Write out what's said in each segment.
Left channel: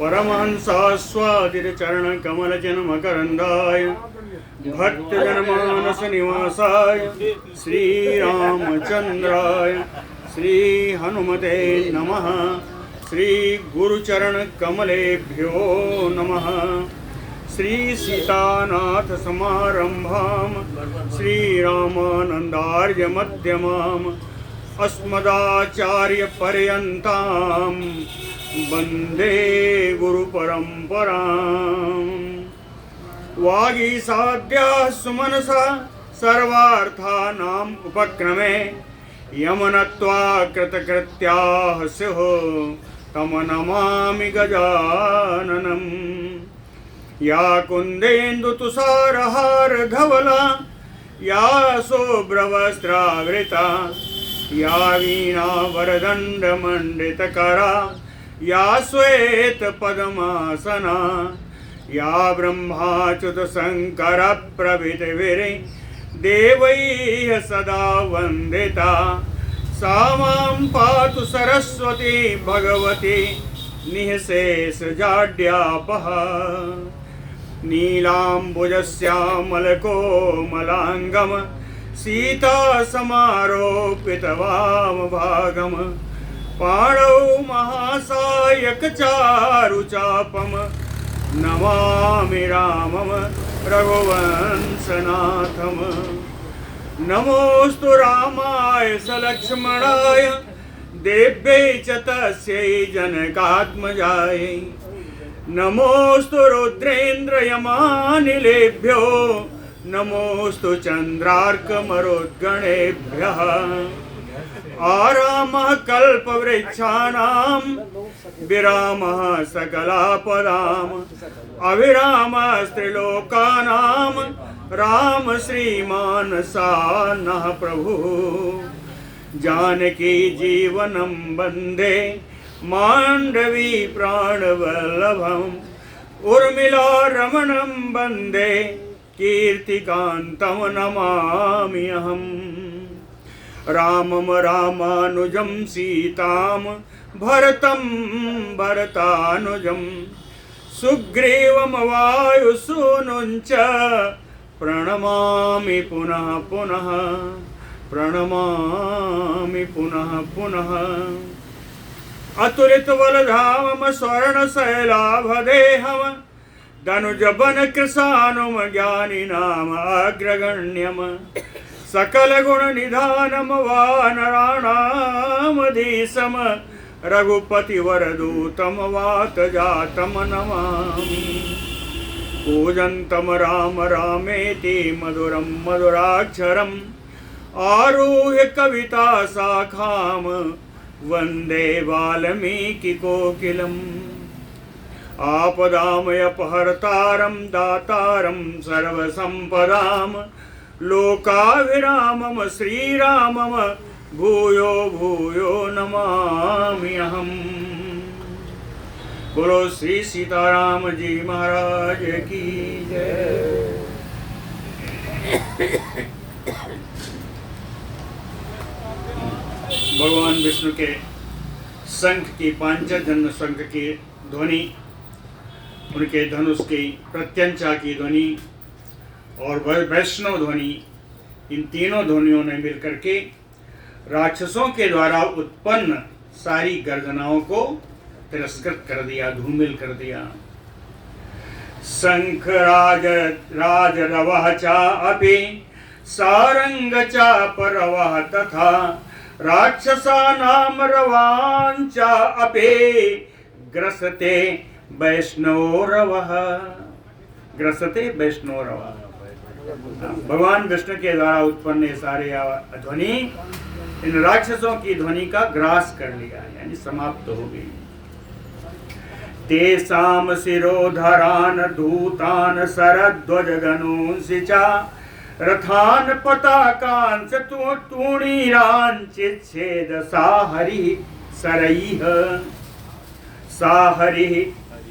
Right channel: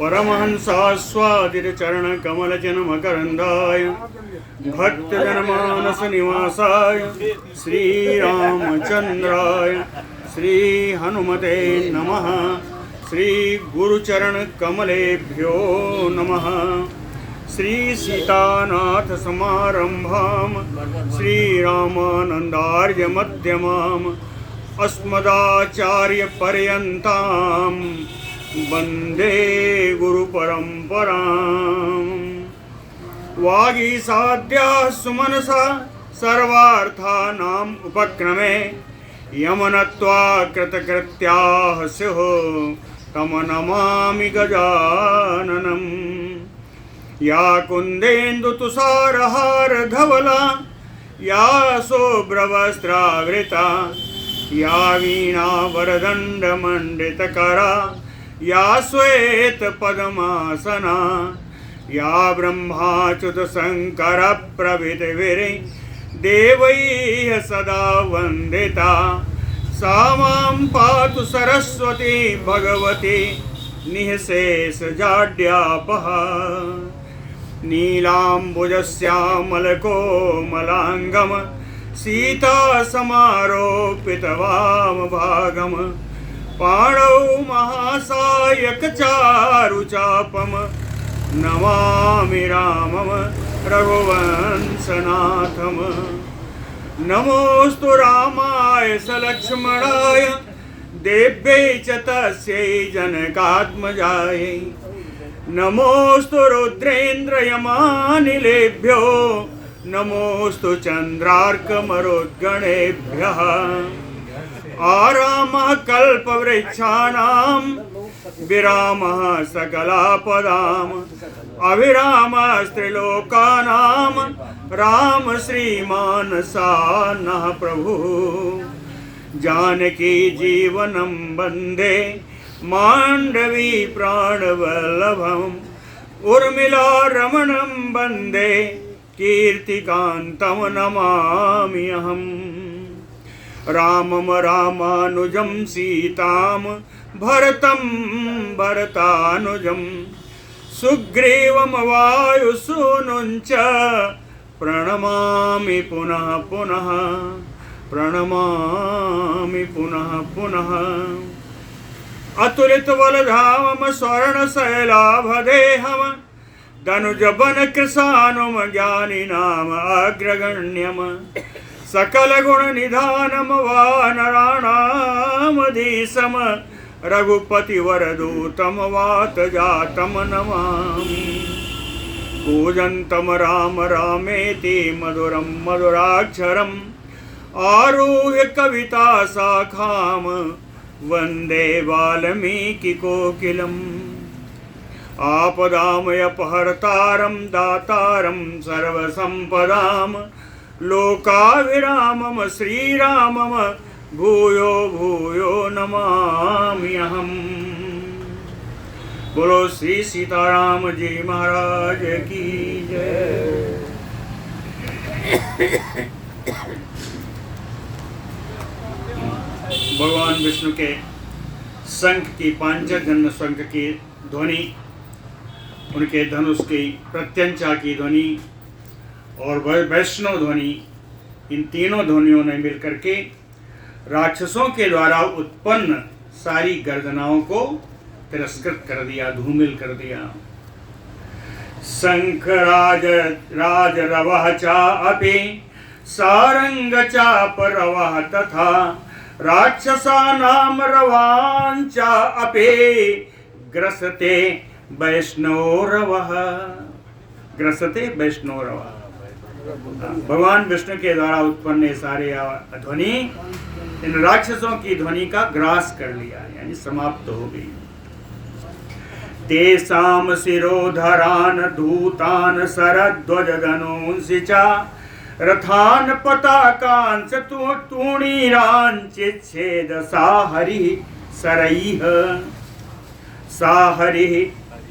परमहंसास्वादितचरणकमलजन्मकरन्दाय भक्तजनमानसनिवासाय श्रीरामचन्द्राय श्रीहनुमते नमः। श्रीगुरुचरणकमलेभ्यो नमः। श्रीसीतानाथसमारम्भां श्रीरामानन्दार्यमध्यमाम् अस्मदाचार्यपर्यन्तां वन्दे गुरुपरम्पराम्। वागीसाद्याः सुमनसा सर्वार्थानाम् उपक्रमे यमनत्वा कृतकृत्याः स्युः तं नमामि गजाननम्। या कुन्देन्दुतुषारहारधवला या शुभ्रवस्त्रावृता या वीणावरदण्डमण्डितकरा या श्वेतपद्मासना या ब्रह्माच्युतशङ्करप्रभृतिभिर्देवैः सदा वन्दिता सा मां पातु सरस्वती भगवती निःशेषजाड्यापहा। नीलाम्बुजश्यामलकोमलाङ्गं सीतासमारोपितवामभागं पाणौ महासायकचारुचापं नमामि रामं रघुवंशनाथम्। नमोऽस्तु रामाय सलक्ष्मणाय देव्यै च तस्यै जनकात्मजायै। नमोऽस्तु रुद्रेन्द्रयमानिलेभ्यो नमोऽस्तु चन्द्रार्कमरुद्गणेभ्यः। आरामः कल्पवृक्षाणां विरामः सकलापदाम् अविरामस्त्रिलोकानां राम श्रीमान् सान्नः प्रभुः। जानकी जीवनं वन्दे माण्डवी प्राणवल्लभम् उर्मिला रमणं वन्दे कीर्तिकान्तं नमामि अहम्। रामं रामानुजं सीतां भरतं भरतानुजं सुग्रीवं वायुसूनुं च प्रणमामि पुनः पुनः प्रणमामि पुनः पुनः। अतुलितबलधामं स्वर्णशैलाभदेहं दनुजवनकृशानुं ज्ञानिनाम् अग्रगण्यं सकलगुणनिधानं वानराणामधीशं रघुपतिवरदूतं वातजातं नमामि। कूजन्तं राम रामेति मधुरं मधुराक्षरम् आरुह्य कविता शाखां वन्दे वाल्मीकिकोकिलम्। आपदामयपहर्तारं दातारं सर्वसम्पदां लोकाभिरामं श्रीरामं भूयो भूयो नमामि अहम्। बोलो श्री सीताराम जी महाराज की जय। भगवान विष्णु के शंख की पांचजन्य शंख की ध्वनि, उनके धनुष की प्रत्यंचा की ध्वनि और वैष्णव ध्वनि, इन तीनों ध्वनियों ने मिलकर के राक्षसों के द्वारा उत्पन्न सारी गर्दनाओं को तिरस्कृत कर दिया, धूमिल कर दिया। शंख राज रवः चापि सारंग चाप रवः तथा राक्षसानां रवांचा अपि ग्रसते वैष्णोरवः। ग्रसते वैष्णोरवः। भगवान विष्णु के द्वारा उत्पन्न सारे ध्वनि इन राक्षसों की ध्वनि का ग्रास कर लिया, यानी समाप्त हो गई। तेषां शिरोधरान् धूतान् शरध्वजधनूंसि च रथान् पताकान् च तूणीरान् चिच्छेद साहरिः सरैः साहरिः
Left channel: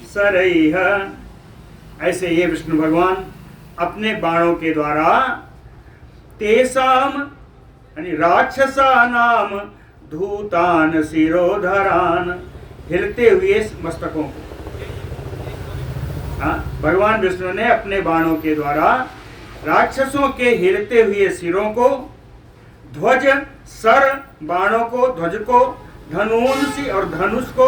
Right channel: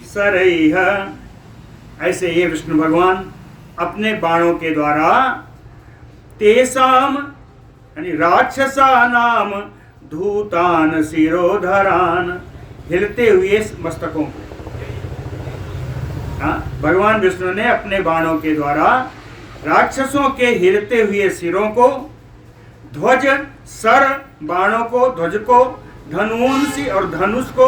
सरैः। ऐसे ये विष्णु भगवान अपने बाणों के द्वारा तेषाम यानी राक्षसानाम धूतान शिरोधरान, हिलते हुए मस्तकों को, हाँ, भगवान विष्णु ने अपने बाणों के द्वारा राक्षसों के हिलते हुए सिरों को, ध्वज सर बाणों को, ध्वज को, धनुष और धनुष को,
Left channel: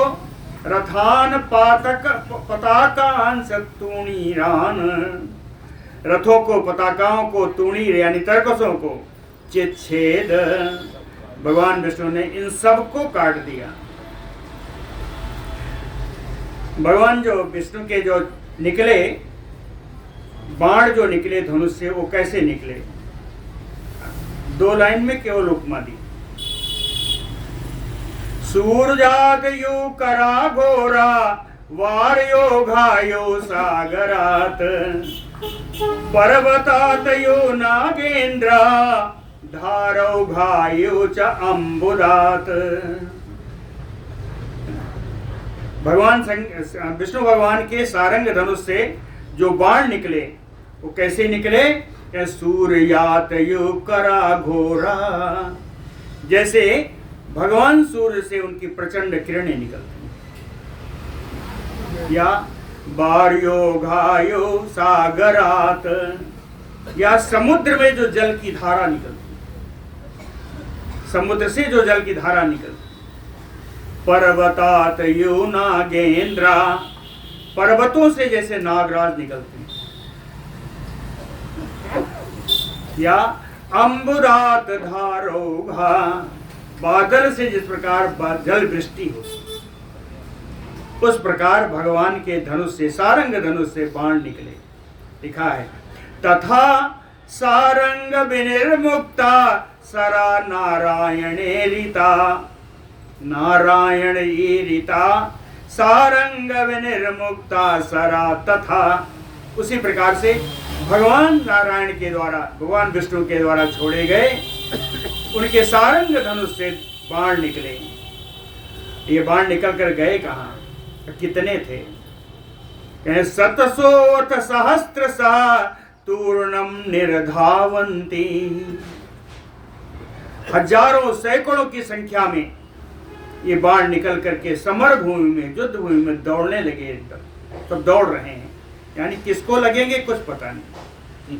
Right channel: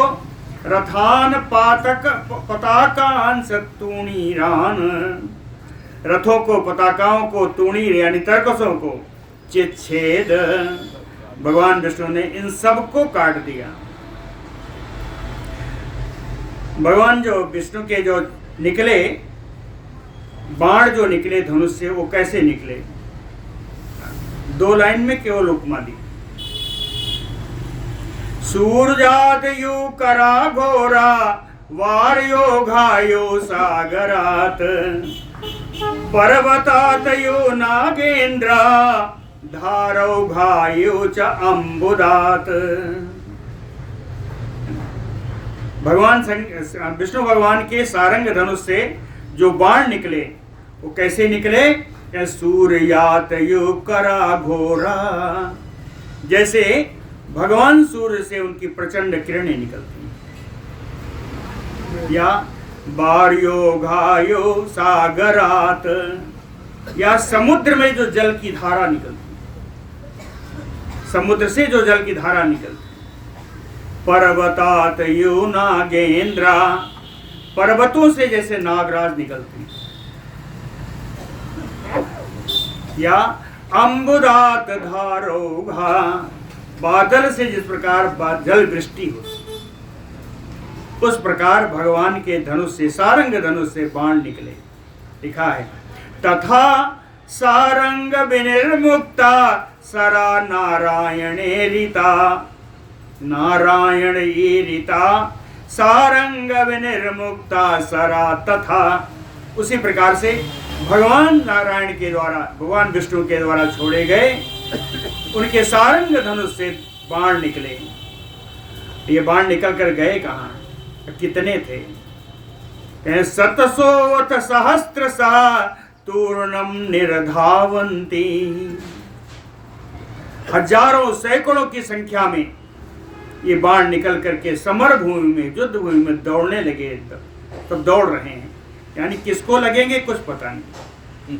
रथान पातक पताकान तूणीरान, रथों को, पताकाओं को, तूणीर यानी तरकसों को चिच्छेद, भगवान विष्णु ने इन सब को काट दिया। भगवान जो विष्णु के जो निकले बाण, जो निकले धनुष से, वो कैसे निकले? 2 लाइन में केवल उपमा दी। सूरजात यो करा घोरा, वार्यो घायो सागरात, पर्वतात यो नागेंद्रा, धारौ घायो च अम्बुदात। भगवान विष्णु भगवान के सारंग धनुष से जो बाण निकले वो कैसे निकले? सूर्यात यो करा घोरा, जैसे भगवान सूर्य से उनकी प्रचंड किरणें निकलती हैं, या बार्यो घायो सागरात, या समुद्र में जो जल की धारा निकलती, समुद्र से जो जल की धारा निकलती। पर्वतात यो नागेंद्रा, पर्वतों से जैसे नागराज निकलते हैं, या अम्बुदात धारोघा, बादल से जिस प्रकार जल वृष्टि होती, उस प्रकार भगवान के धनुष से, सारंग धनुष से बाण निकले। लिखा है तथा सारंग विनिर्मुक्ता, सरा नारायणे रीता, नारायण रीता, सारंग विनिर्मुक्ता सरा, तथा उसी प्रकार से भगवान नारायण के द्वारा, भगवान विष्णु के द्वारा छोड़े गए उनके सारंग धनुष से बाण निकले। ये बाण निकल कर गए कहाँ? कितने थे? 700 सहस्त्रशः तूर्णम निर्धावन्ति, हजारों सैकड़ों की संख्या में ये बाण निकल करके समर भूमि में, युद्ध भूमि में दौड़ने लगे। तब दौड़ रहे हैं, यानी किसको लगेंगे कुछ पता नहीं।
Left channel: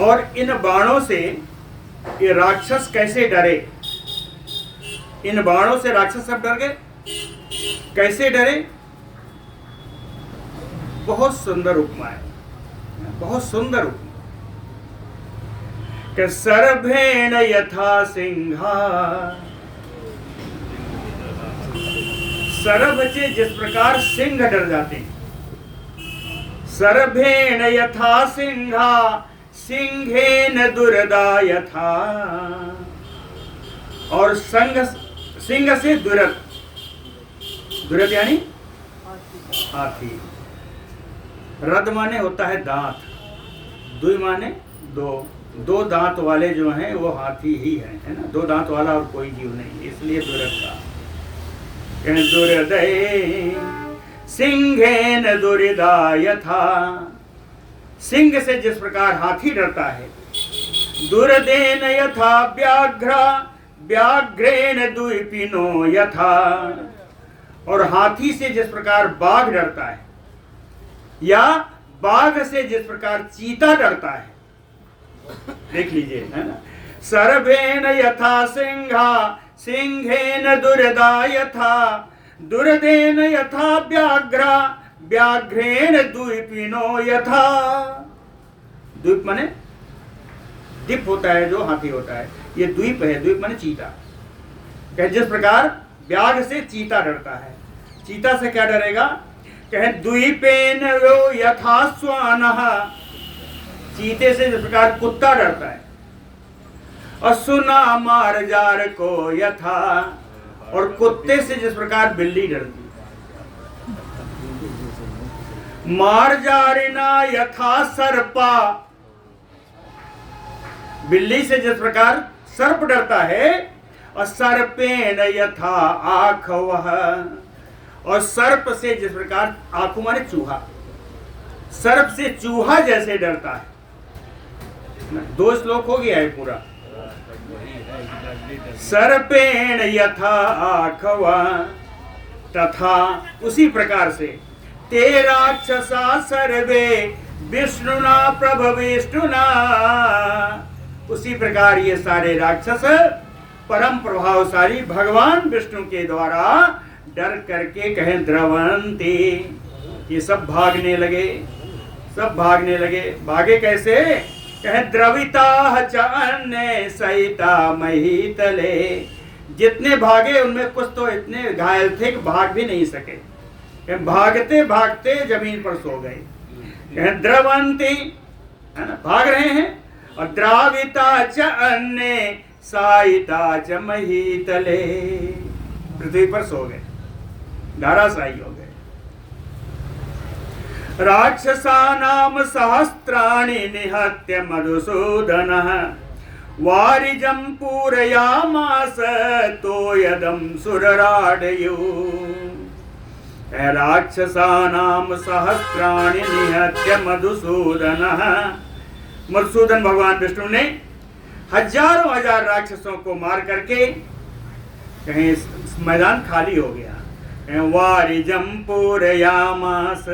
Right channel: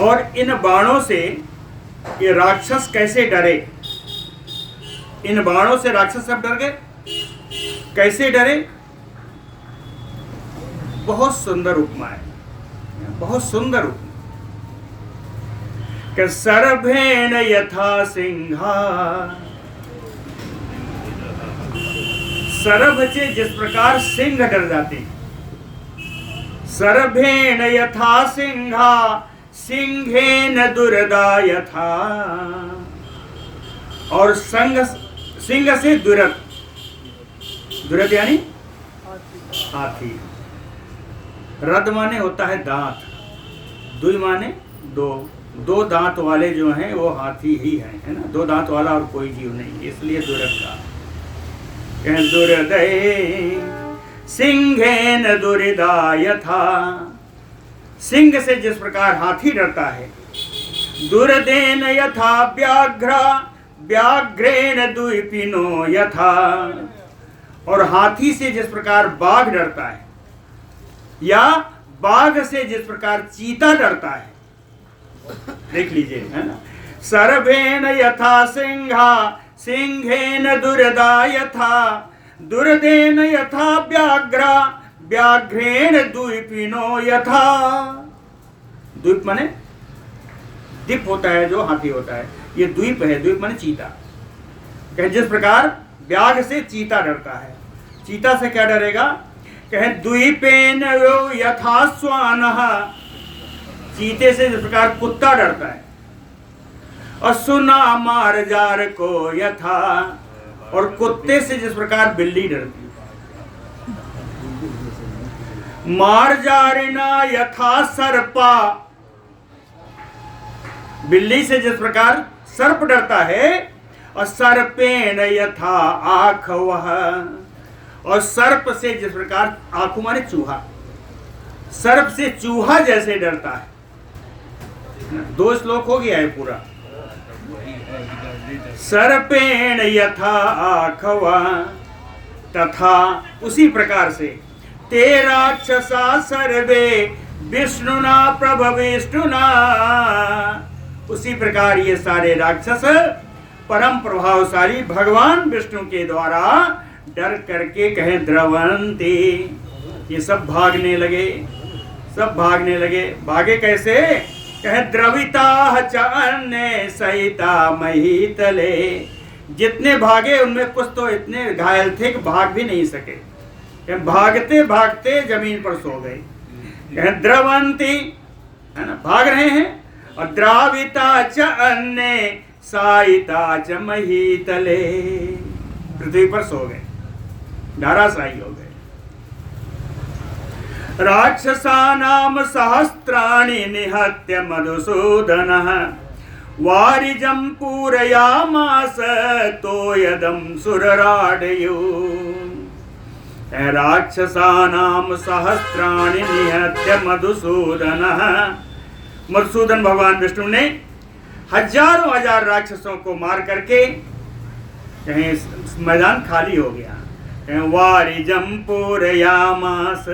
और इन बाणों से ये राक्षस कैसे डरे? इन बाणों से राक्षस सब डर गए। कैसे डरे? बहुत सुंदर उपमा है, बहुत सुंदर उपमा। कि सरभेण यथा सिंहा, सरभ से जिस प्रकार सिंह डर जाते हैं, सरभेण यथा सिंहा, सिंहेन दुर्दा यथा, और सिंह से दुरद, दुरद यानी हाथी, रद माने होता है दांत, दुई माने दो दांत वाले जो हैं वो हाथी ही है ना, 2 दांत वाला और कोई जीव नहीं, इसलिए दुरद का। दुर्दय सिंहेन दुर्दा यथा, सिंह से जिस प्रकार हाथी डरता है, दुर्देन यथा व्याघ्र, व्याघ्रेण द्विपिनो यथा, और हाथी से जिस प्रकार बाघ डरता है, या बाघ से जिस प्रकार चीता डरता है। देख लीजिए, है ना। सर्वेण यथा सिंहा, सिंहेन दुर्दा यथा, दुर्देन यथा व्याघ्र, व्याघ्रेण द्विपिनो यथा। द्वीप माने द्वीप होता है जो हाथी होता है, ये द्वीप है, द्वीप माने चीता। कहे जिस प्रकार व्याघ्र से चीता डरता है, चीता से क्या डरेगा? कहे द्वीपेन वो यथा स्वानः, चीते से जिस प्रकार कुत्ता डरता है, और सुना मारजार को यथा, और कुत्ते से जिस प्रकार बिल्ली डरती है। मारजारिना यथा सर्पा, बिल्ली से जिस प्रकार सर्प डरता है, और सर्पेण यथा आखवः, और सर्प से जिस प्रकार, आंखों माने चूहा, सर्प से चूहा जैसे डरता है। 2 श्लोक हो गया है पूरा। सर्पेण यथा आखवा, तथा उसी प्रकार से ते राक्षसा सर्वे विष्णुना प्रभविष्णुना, उसी प्रकार ये सारे राक्षस परम प्रभावशाली भगवान विष्णु के द्वारा डर करके कहें द्रवंती, ये सब भागने लगे, सब भागने लगे। भागे कैसे? कहें द्रविता च अन्य सहिता महीतले, जितने भागे उनमें कुछ तो इतने घायल थे कि भाग भी नहीं सके, भागते भागते जमीन पर सो गए। द्रवंती है ना, भाग रहे हैं। और द्राविता च अन्य साइता च महीतले, पृथ्वी पर सो गए, धाराशायी हो गए। राक्षसानाम सहस्त्राणि निहत्य मधुसूदनः वारिजं पूरयामास तोयदं सुरराडयो। राक्षसानाम सहस्त्राणि निहत्य मधुसूदनः, मधुसूदन भगवान विष्णु ने हजारों हजार राक्षसों को मार करके कहीं मैदान खाली हो गया। कहीं वारिजं पूरयामास,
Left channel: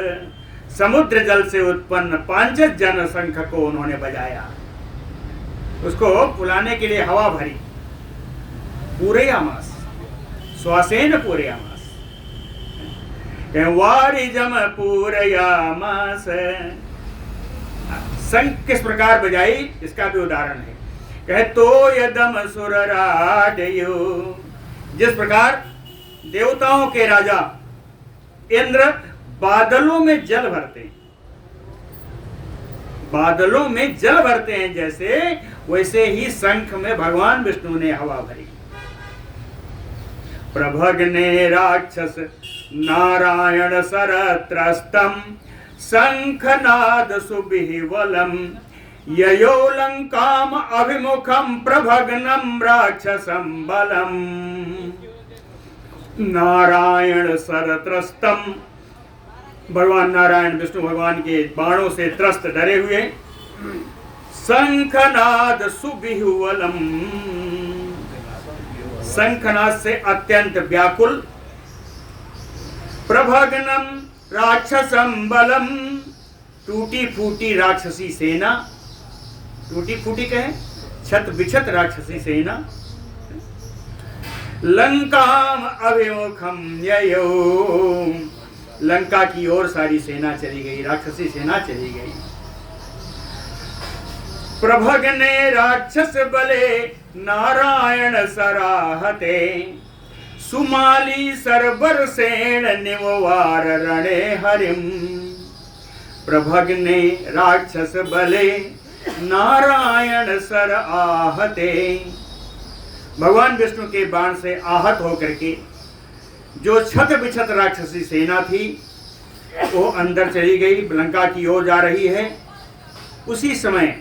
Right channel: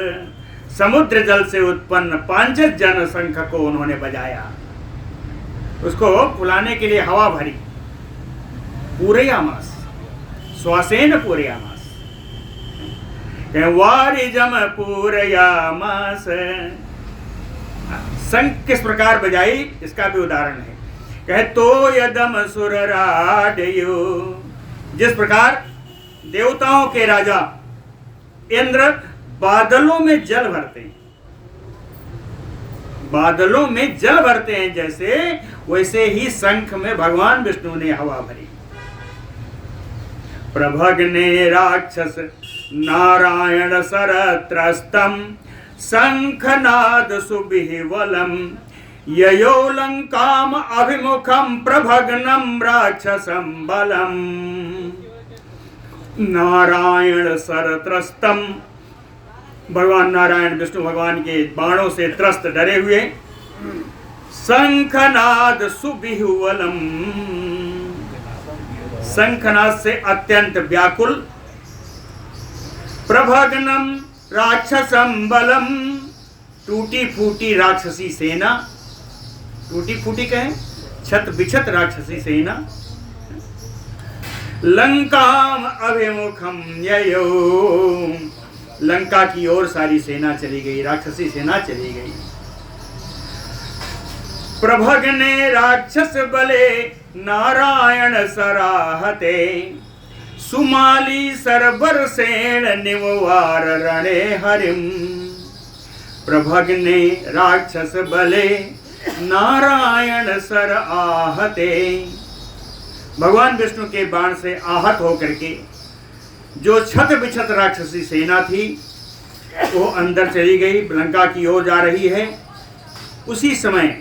समुद्र जल से उत्पन्न पांचज जन शंख को उन्होंने बजाया, उसको बुलाने के लिए हवा भरी। पूरयामास, श्वासेन पूरयामास, वारिजम पूरयामास। शंख किस प्रकार बजाई इसका भी उदाहरण है। कहे तो यदम सुरराडयो, जिस प्रकार देवताओं के राजा इंद्र बादलों में जल भरते हैं, बादलों में जल भरते हैं जैसे, वैसे ही शंख में भगवान विष्णु ने हवा भरी। प्रभग्ने राक्षस नारायण सरत्रस्तम शंखनाद सुबिहिवलम ययो लंकाम अभिमुखम प्रभग्नम राक्षसम बलम। नारायण सरत्रस्तम, भगवान नारायण विष्णु भगवान के बाणों से त्रस्त डरे हुए। शंखनाद सुबिहुवलम, शंखनाद से अत्यंत व्याकुल। प्रभग्नम राक्षसम बलम, टूटी फूटी राक्षसी सेना, टूटी फूटी कहें छत बिछत राक्षसी सेना। लंकाम अभिमुखम ययो, लंका की ओर सारी सेना चली गई, राक्षसी सेना चली गई। प्रभग्ने राक्षस बले नारायण सराहते सुमाली सरबर सेन निमवार रणे हरिम। प्रभग्ने राक्षस बले नारायण सर आहते, भगवान विष्णु के बाण से आहत होकर के जो छत बिछत राक्षसी सेना थी वो अंदर चली गई, लंका की ओर जा रही है। उसी समय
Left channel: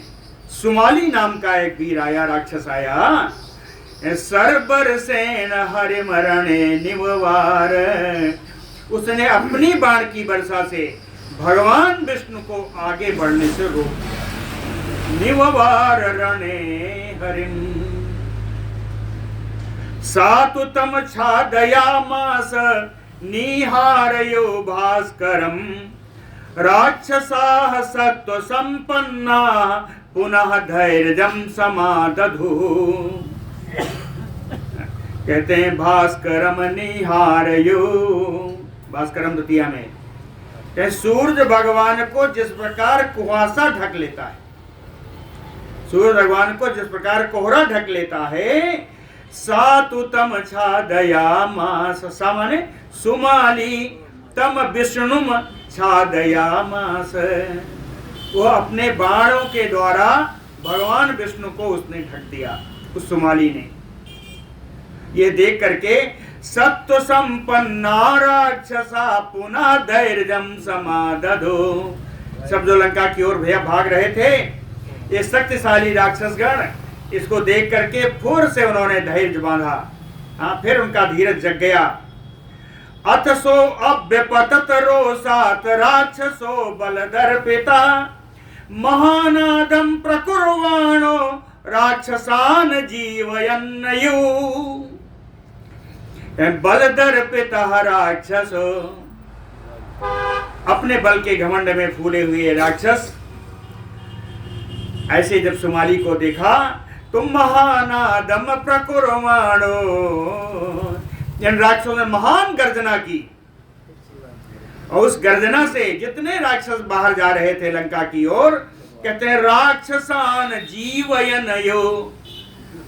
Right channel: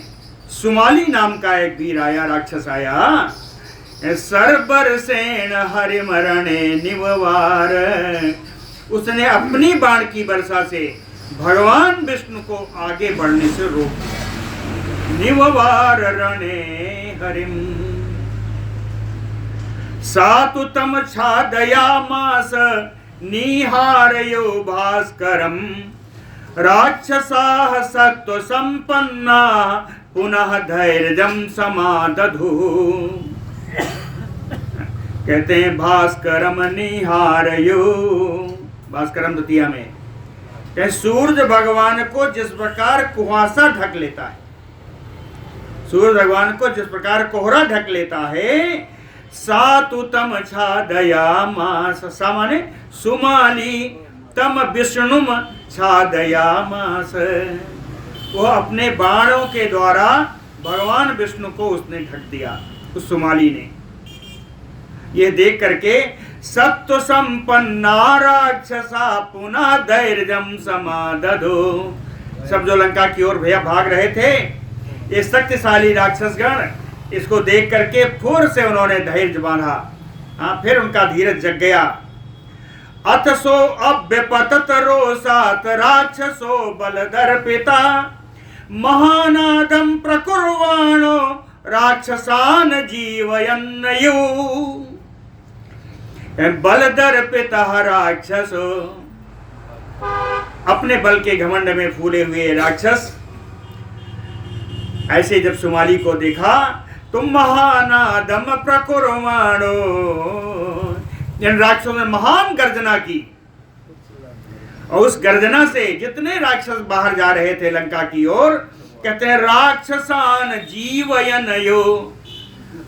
सुमाली नाम का एक वीर आया, राक्षस आया। सरबर सेन हरिमरणे निमवार, उसने अपनी बाण की वर्षा से भगवान विष्णु को आगे बढ़ने से रोक दिया। निमवार रणे हरिम सातु तम छादयामास निहारयो भास्करम राक्षसाः सत्व संपन्ना पुनः धैर्यं समादधु। कहते हैं भास्करम निहारयो, भास्करम द्वितीया में कहे सूर्य भगवान को जिस प्रकार कुहासा ढक लेता है, सूर्य भगवान को जिस प्रकार कोहरा ढक लेता है, सातु तम छादयामास, सा माने सुमाली, तम विष्णुम छादयामास, वो अपने बाणों के द्वारा भगवान विष्णु को उसने ढक दिया, उस सुमाली ने। ये देख करके सत्व संपन्ना राक्षसा पुनः धैर्यम समादधो, सब जो लंका की ओर भैया भाग रहे थे, ये शक्तिशाली राक्षसगण इसको देख करके फिर से उन्होंने धैर्य बांधा। हाँ, फिर उनका धीरज जग गया। अथ सो अभ्यपतत रोषात राक्षसो बलदर्पिता महानादम प्रकुर्वाणो राक्षसान जीवयन्नयु। बल दर्पित राक्षसो, अपने बल के घमंड में फूले हुए राक्षस ऐसे जब सुमाली को देखा तो महानादम प्रकुर्वाणो, इन राक्षसों ने महान गर्जना की और उस गर्जना से जितने राक्षस बाहर जा रहे थे लंका की ओर, कहते हैं राक्षसान जीवयनयो,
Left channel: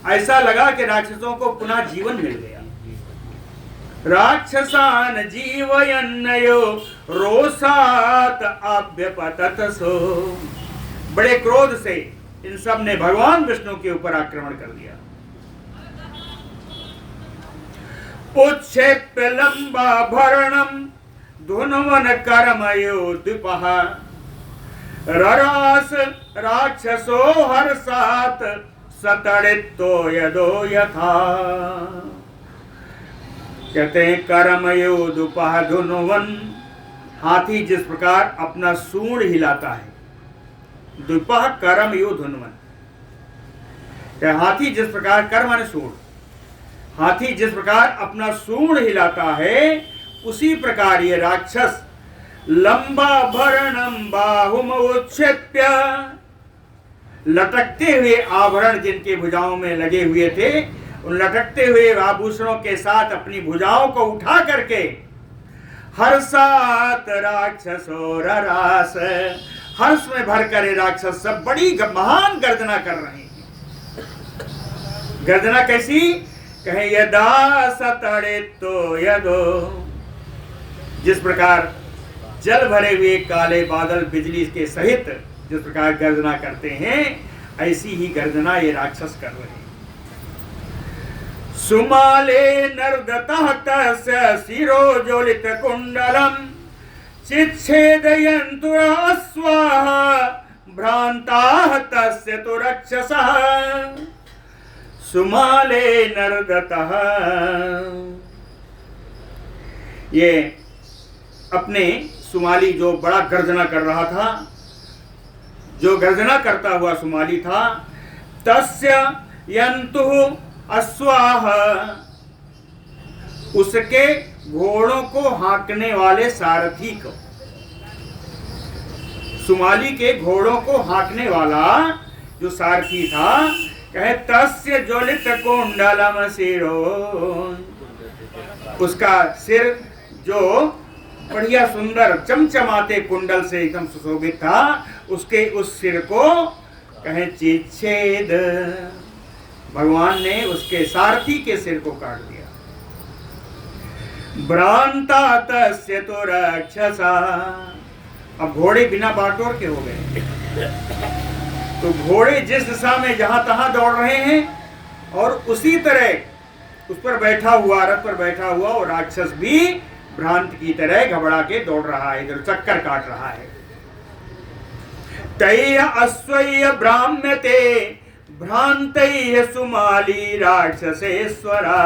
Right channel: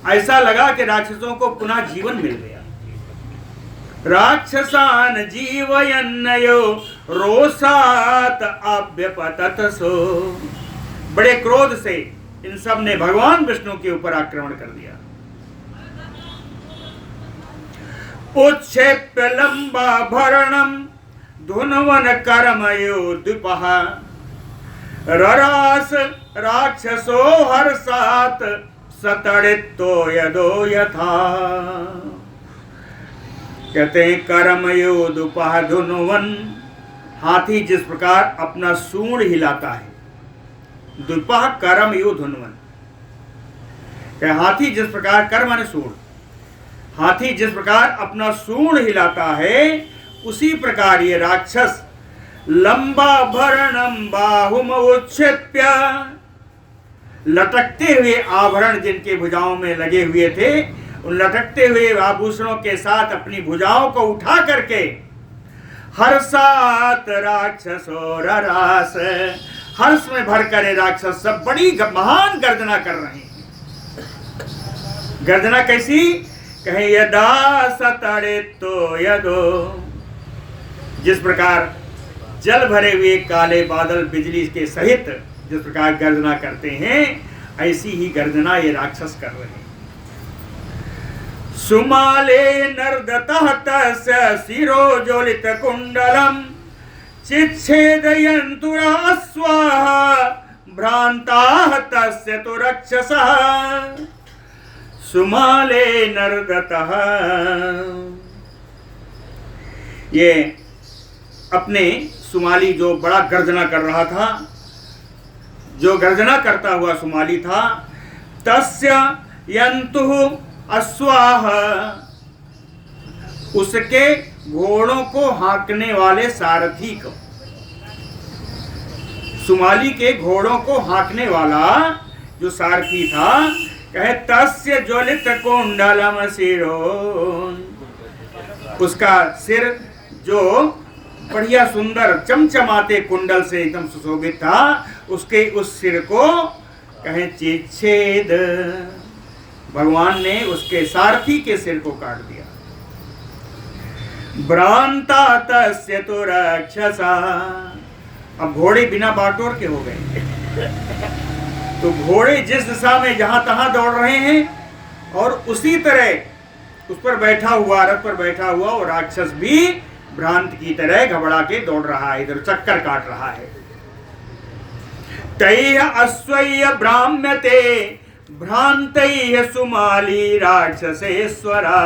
ऐसा लगा कि राक्षसों को पुनः जीवन मिल गया। राक्षसान जीवयन्नयो रोषात अभ्यपतत सो, बड़े क्रोध से इन सब ने भगवान विष्णु के ऊपर आक्रमण कर दिया। उच्छेप्य लंबा भरणम धुनवन कर्मयो द्विपः, ररास राक्षसो हर्षात सतड़ितो यदो यथा। कहते हैं कर्मयो द्विपः धुनवन, हाथी जिस प्रकार अपना सूंड हिलाता है, द्विपः कर्मयो धुनवन, हाथी जिस प्रकार, कर्म माने सूंड, हाथी जिस प्रकार अपना सूंड हिलाता है, उसी प्रकार ये राक्षस लंबा भरणम बाहुम उच्छेप्य, लटकते हुए आभरण जिनके भुजाओं में लगे हुए थे, उन लटकते हुए आभूषणों के साथ अपनी भुजाओं को उठा करके हर्षात राक्षसो ररास, हर्ष में भरकर राक्षस सब बड़ी महान गर्जना कर रहे हैं। गर्जना कैसी? कहे यदा सतड़ितो यदो, जिस प्रकार जल भरे हुए काले बादल बिजली के सहित जिस प्रकार गर्जना करते हैं, ऐसी ही गर्जना ये राक्षस कर रहे हैं। सुमाले नर्दतः तस्य शिरो ज्वलित कुंडलम चिच्छेदयन्तुरा स्वाहा भ्रांताः तस्य तु रक्षसः। सुमाले नर्दतः, ये अपने सुमाली जो बड़ा गर्जना कर रहा था, जो गर्जना करता हुआ सुमाली था, तस्य यंतु अश्वाह, उसके घोड़ों को हाँकने वाले सारथी को, सुमाली के घोड़ों को हाँकने वाला जो सारथी था, कहे तस्य ज्वलित कुंडलम शिरो, उसका सिर जो बढ़िया सुंदर चमचमाते कुंडल से एकदम सुशोभित था, उसके उस सिर को कहे चिच्छेद, भगवान ने उसके सारथी के सिर को काट दिया। भ्रांता तस्य तो राक्षसा, अब घोड़े बिना बाटोर के हो गए, तो घोड़े जिस दिशा में जहां तहां दौड़ रहे हैं और उसी तरह उस पर बैठा हुआ, रथ पर बैठा हुआ वो राक्षस भी भ्रांत की तरह घबरा के दौड़ रहा है, इधर चक्कर काट रहा है। तैः अश्वय्य ब्राह्म्यते भ्रांतैः सुमाली राक्षसेश्वरा,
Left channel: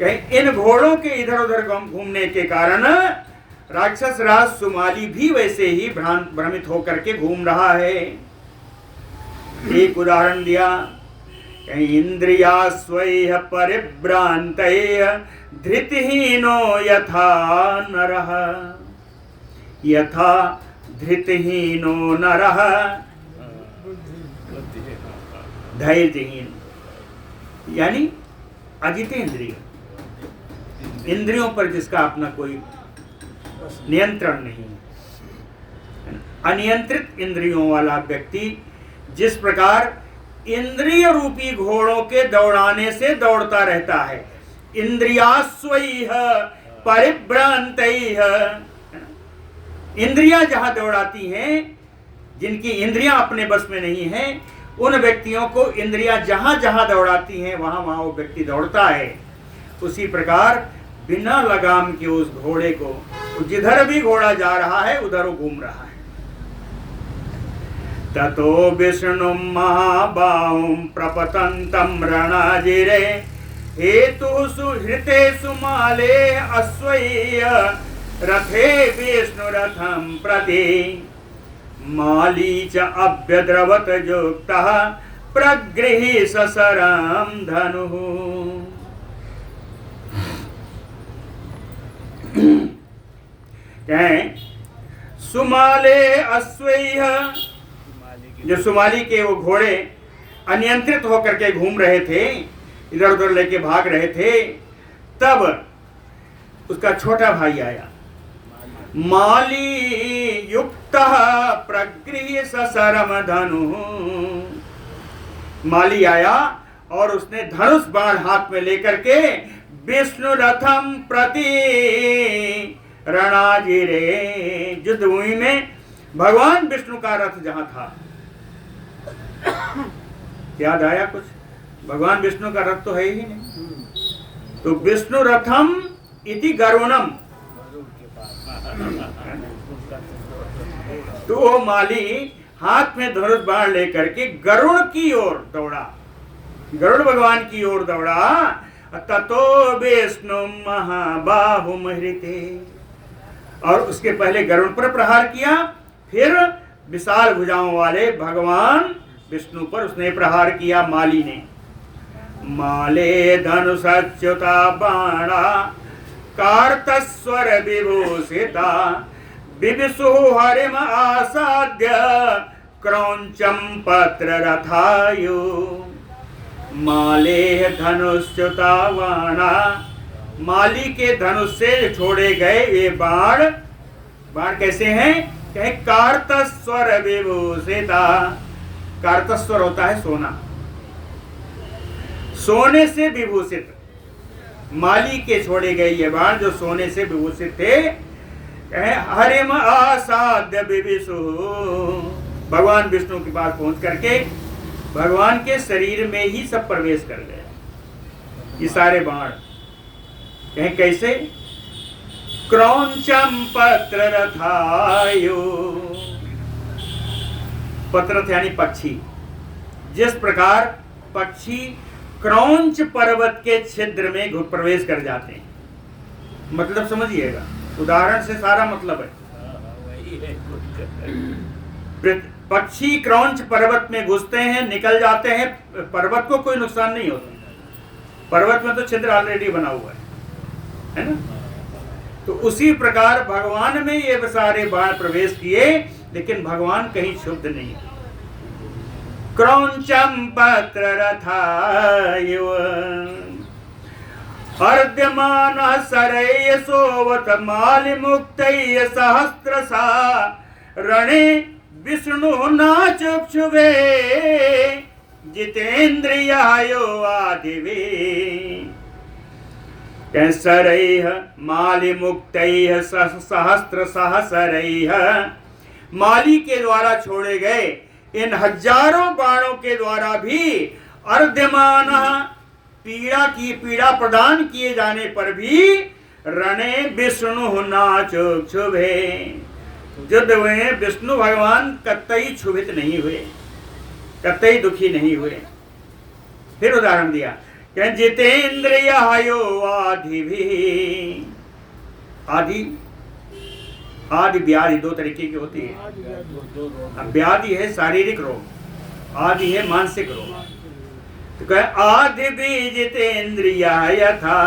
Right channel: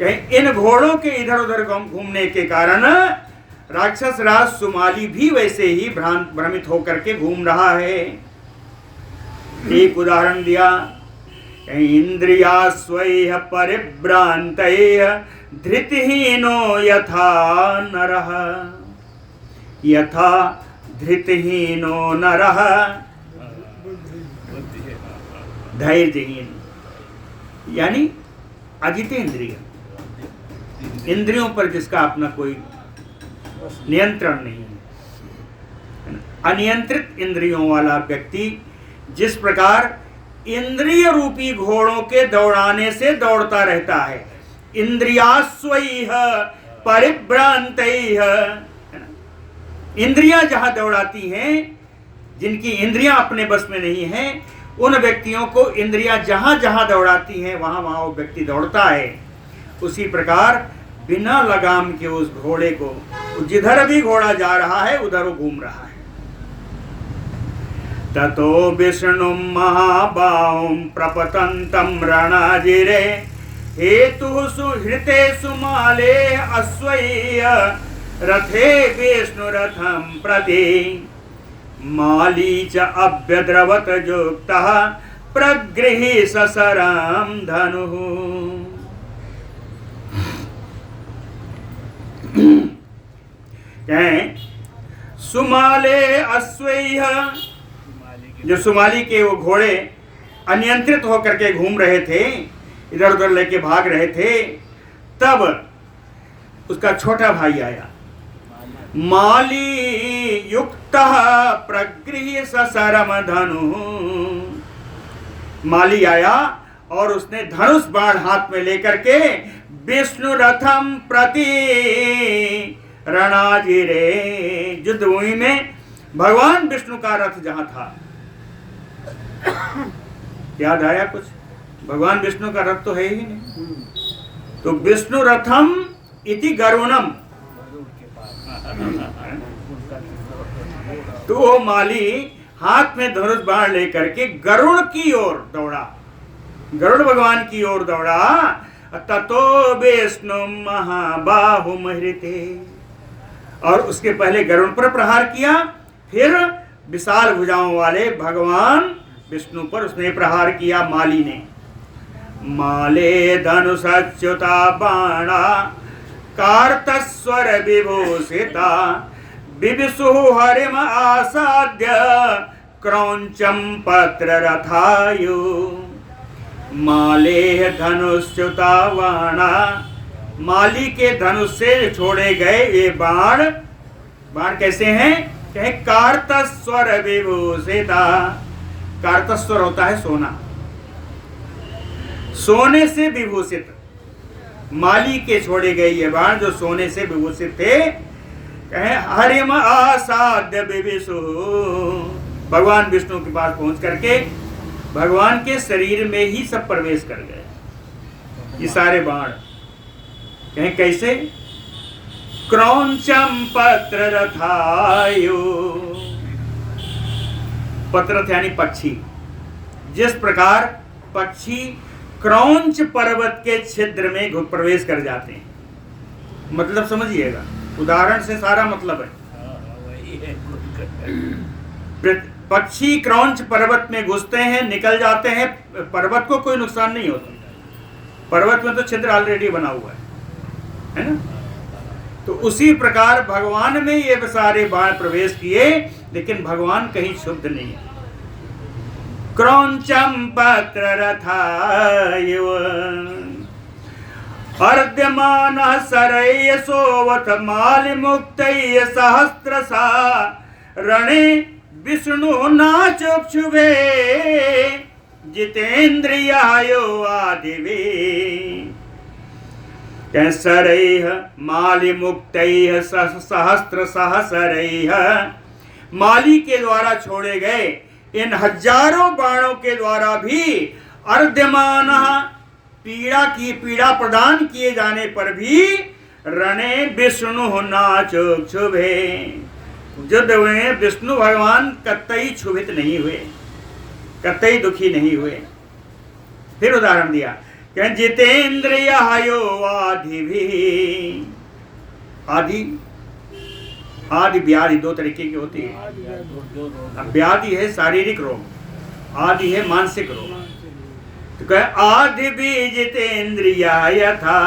कहीं इन घोड़ों के इधर उधर घूमने के कारण राक्षस राज सुमाली भी वैसे ही भ्रमित होकर के घूम रहा है। एक उदाहरण दिया, इंद्रिया स्वैह परिभ्रांतैः धृतिहीनो यथा नरः, यथा धृतिहीनो नरः धैर्यहीन, यानी अजितेंद्रिय, इंद्रियों पर जिसका अपना कोई नियंत्रण नहीं है, अनियंत्रित इंद्रियों वाला व्यक्ति जिस प्रकार इंद्रिय रूपी घोड़ों के दौड़ाने से दौड़ता रहता है, इंद्रियास्वैह परिभ्रांतैः, इंद्रियां जहां दौड़ाती हैं, जिनकी इंद्रियां अपने बस में नहीं है, उन व्यक्तियों को इंद्रियां जहां जहां दौड़ाती हैं वहां वहां वो व्यक्ति दौड़ता है। उसी प्रकार बिना लगाम के उस घोड़े को, जिधर भी घोड़ा जा रहा है उधर वो घूम रहा है। ततो विष्णु महाबाहुं प्रपतन्तं रणाजिरे हेतु सुहृते सुमाले अश्वय्य रथे विष्णुरथं प्रति माली च अभ्यद्रवत युक्तः प्रगृही ससरां धनुः। कहें सुमाले अश्वैह, जो सुमाली के वो घोड़े अनियंत्रित होकर के घूम रहे थे, इधर उधर लेके भाग रहे थे, तब उसका छोटा भाई आया। माली युक्त प्रगृह्य ससरम धनु, माली आया और उसने धनुष बाण हाथ में लेकर के विष्णु रथम प्रति रणाजिरे, युद्ध भूमि में भगवान विष्णु का रथ जहां था, याद आया कुछ? भगवान विष्णु का रथ तो है ही नहीं। तो विष्णु रथम इति गरुणम, तो वो माली हाथ में धनुष बाण लेकर के गरुड़ की ओर दौड़ा, गरुड़ भगवान की ओर दौड़ा। ततो विष्णु महाबाहु महृते, और उसके पहले गरुड़ पर प्रहार किया, फिर विशाल भुजाओं वाले भगवान विष्णु पर उसने प्रहार किया माली ने। माले धनुषच्युता बाणा कार्तस्वर विभूषिता विविशु हरिम आसाद्य क्रौंचम पत्र रथायु। माले धनुष्युता बाणा, माली के धनुष से छोड़े गए ये बाण, बाण कैसे हैं? कहे कार्तस्वर विभूषिता, कार्तस्वर होता है सोना, सोने से विभूषित, माली के छोड़े गए ये बाण जो सोने से विभूषित थे। कहे हरिम आसाद्य विविशु, भगवान विष्णु के पास पहुंच करके भगवान के शरीर में ही सब प्रवेश कर गए ये सारे बाण। कहें कैसे? क्रौंचम पत्र रथायो, पत्रथ यानी पक्षी, जिस प्रकार पक्षी क्रौंच पर्वत के छिद्र में प्रवेश कर जाते हैं, मतलब समझिएगा, उदाहरण से सारा मतलब है। पक्षी क्रौंच पर्वत में घुसते हैं, निकल जाते हैं, पर्वत को कोई नुकसान नहीं होता, पर्वत में तो छिद्र ऑलरेडी बना हुआ है ना। तो उसी प्रकार भगवान में ये सारे बाण प्रवेश किए, लेकिन भगवान कहीं शुद्ध नहीं है। क्रौंचम पत्र रथायो अर्ध्यमान सरय सोवत मालि मुक्तय सहस्त्रसा रणे विष्णु नाचक्षुभे जितेन्द्रियायो आदिवे। सरैः मालि मुक्तैः सहस्त्र सहसरैः, माली के द्वारा छोड़े गए इन हजारों बाणों के द्वारा भी अर्ध्यमान, पीड़ा प्रदान किए जाने पर भी रणे विष्णु नाचक्षुभे, युद्ध हुए विष्णु भगवान कतई क्षुभित नहीं हुए, कतई दुखी नहीं हुए। फिर उदाहरण दिया कि जितेन्द्रियायो आदि भी, आदि व्याधि दो तरीके की होती है। व्याधि है शारीरिक रोग, आदि है मानसिक रोग। तो कहे आदि भी जितेन्द्रिया यथा,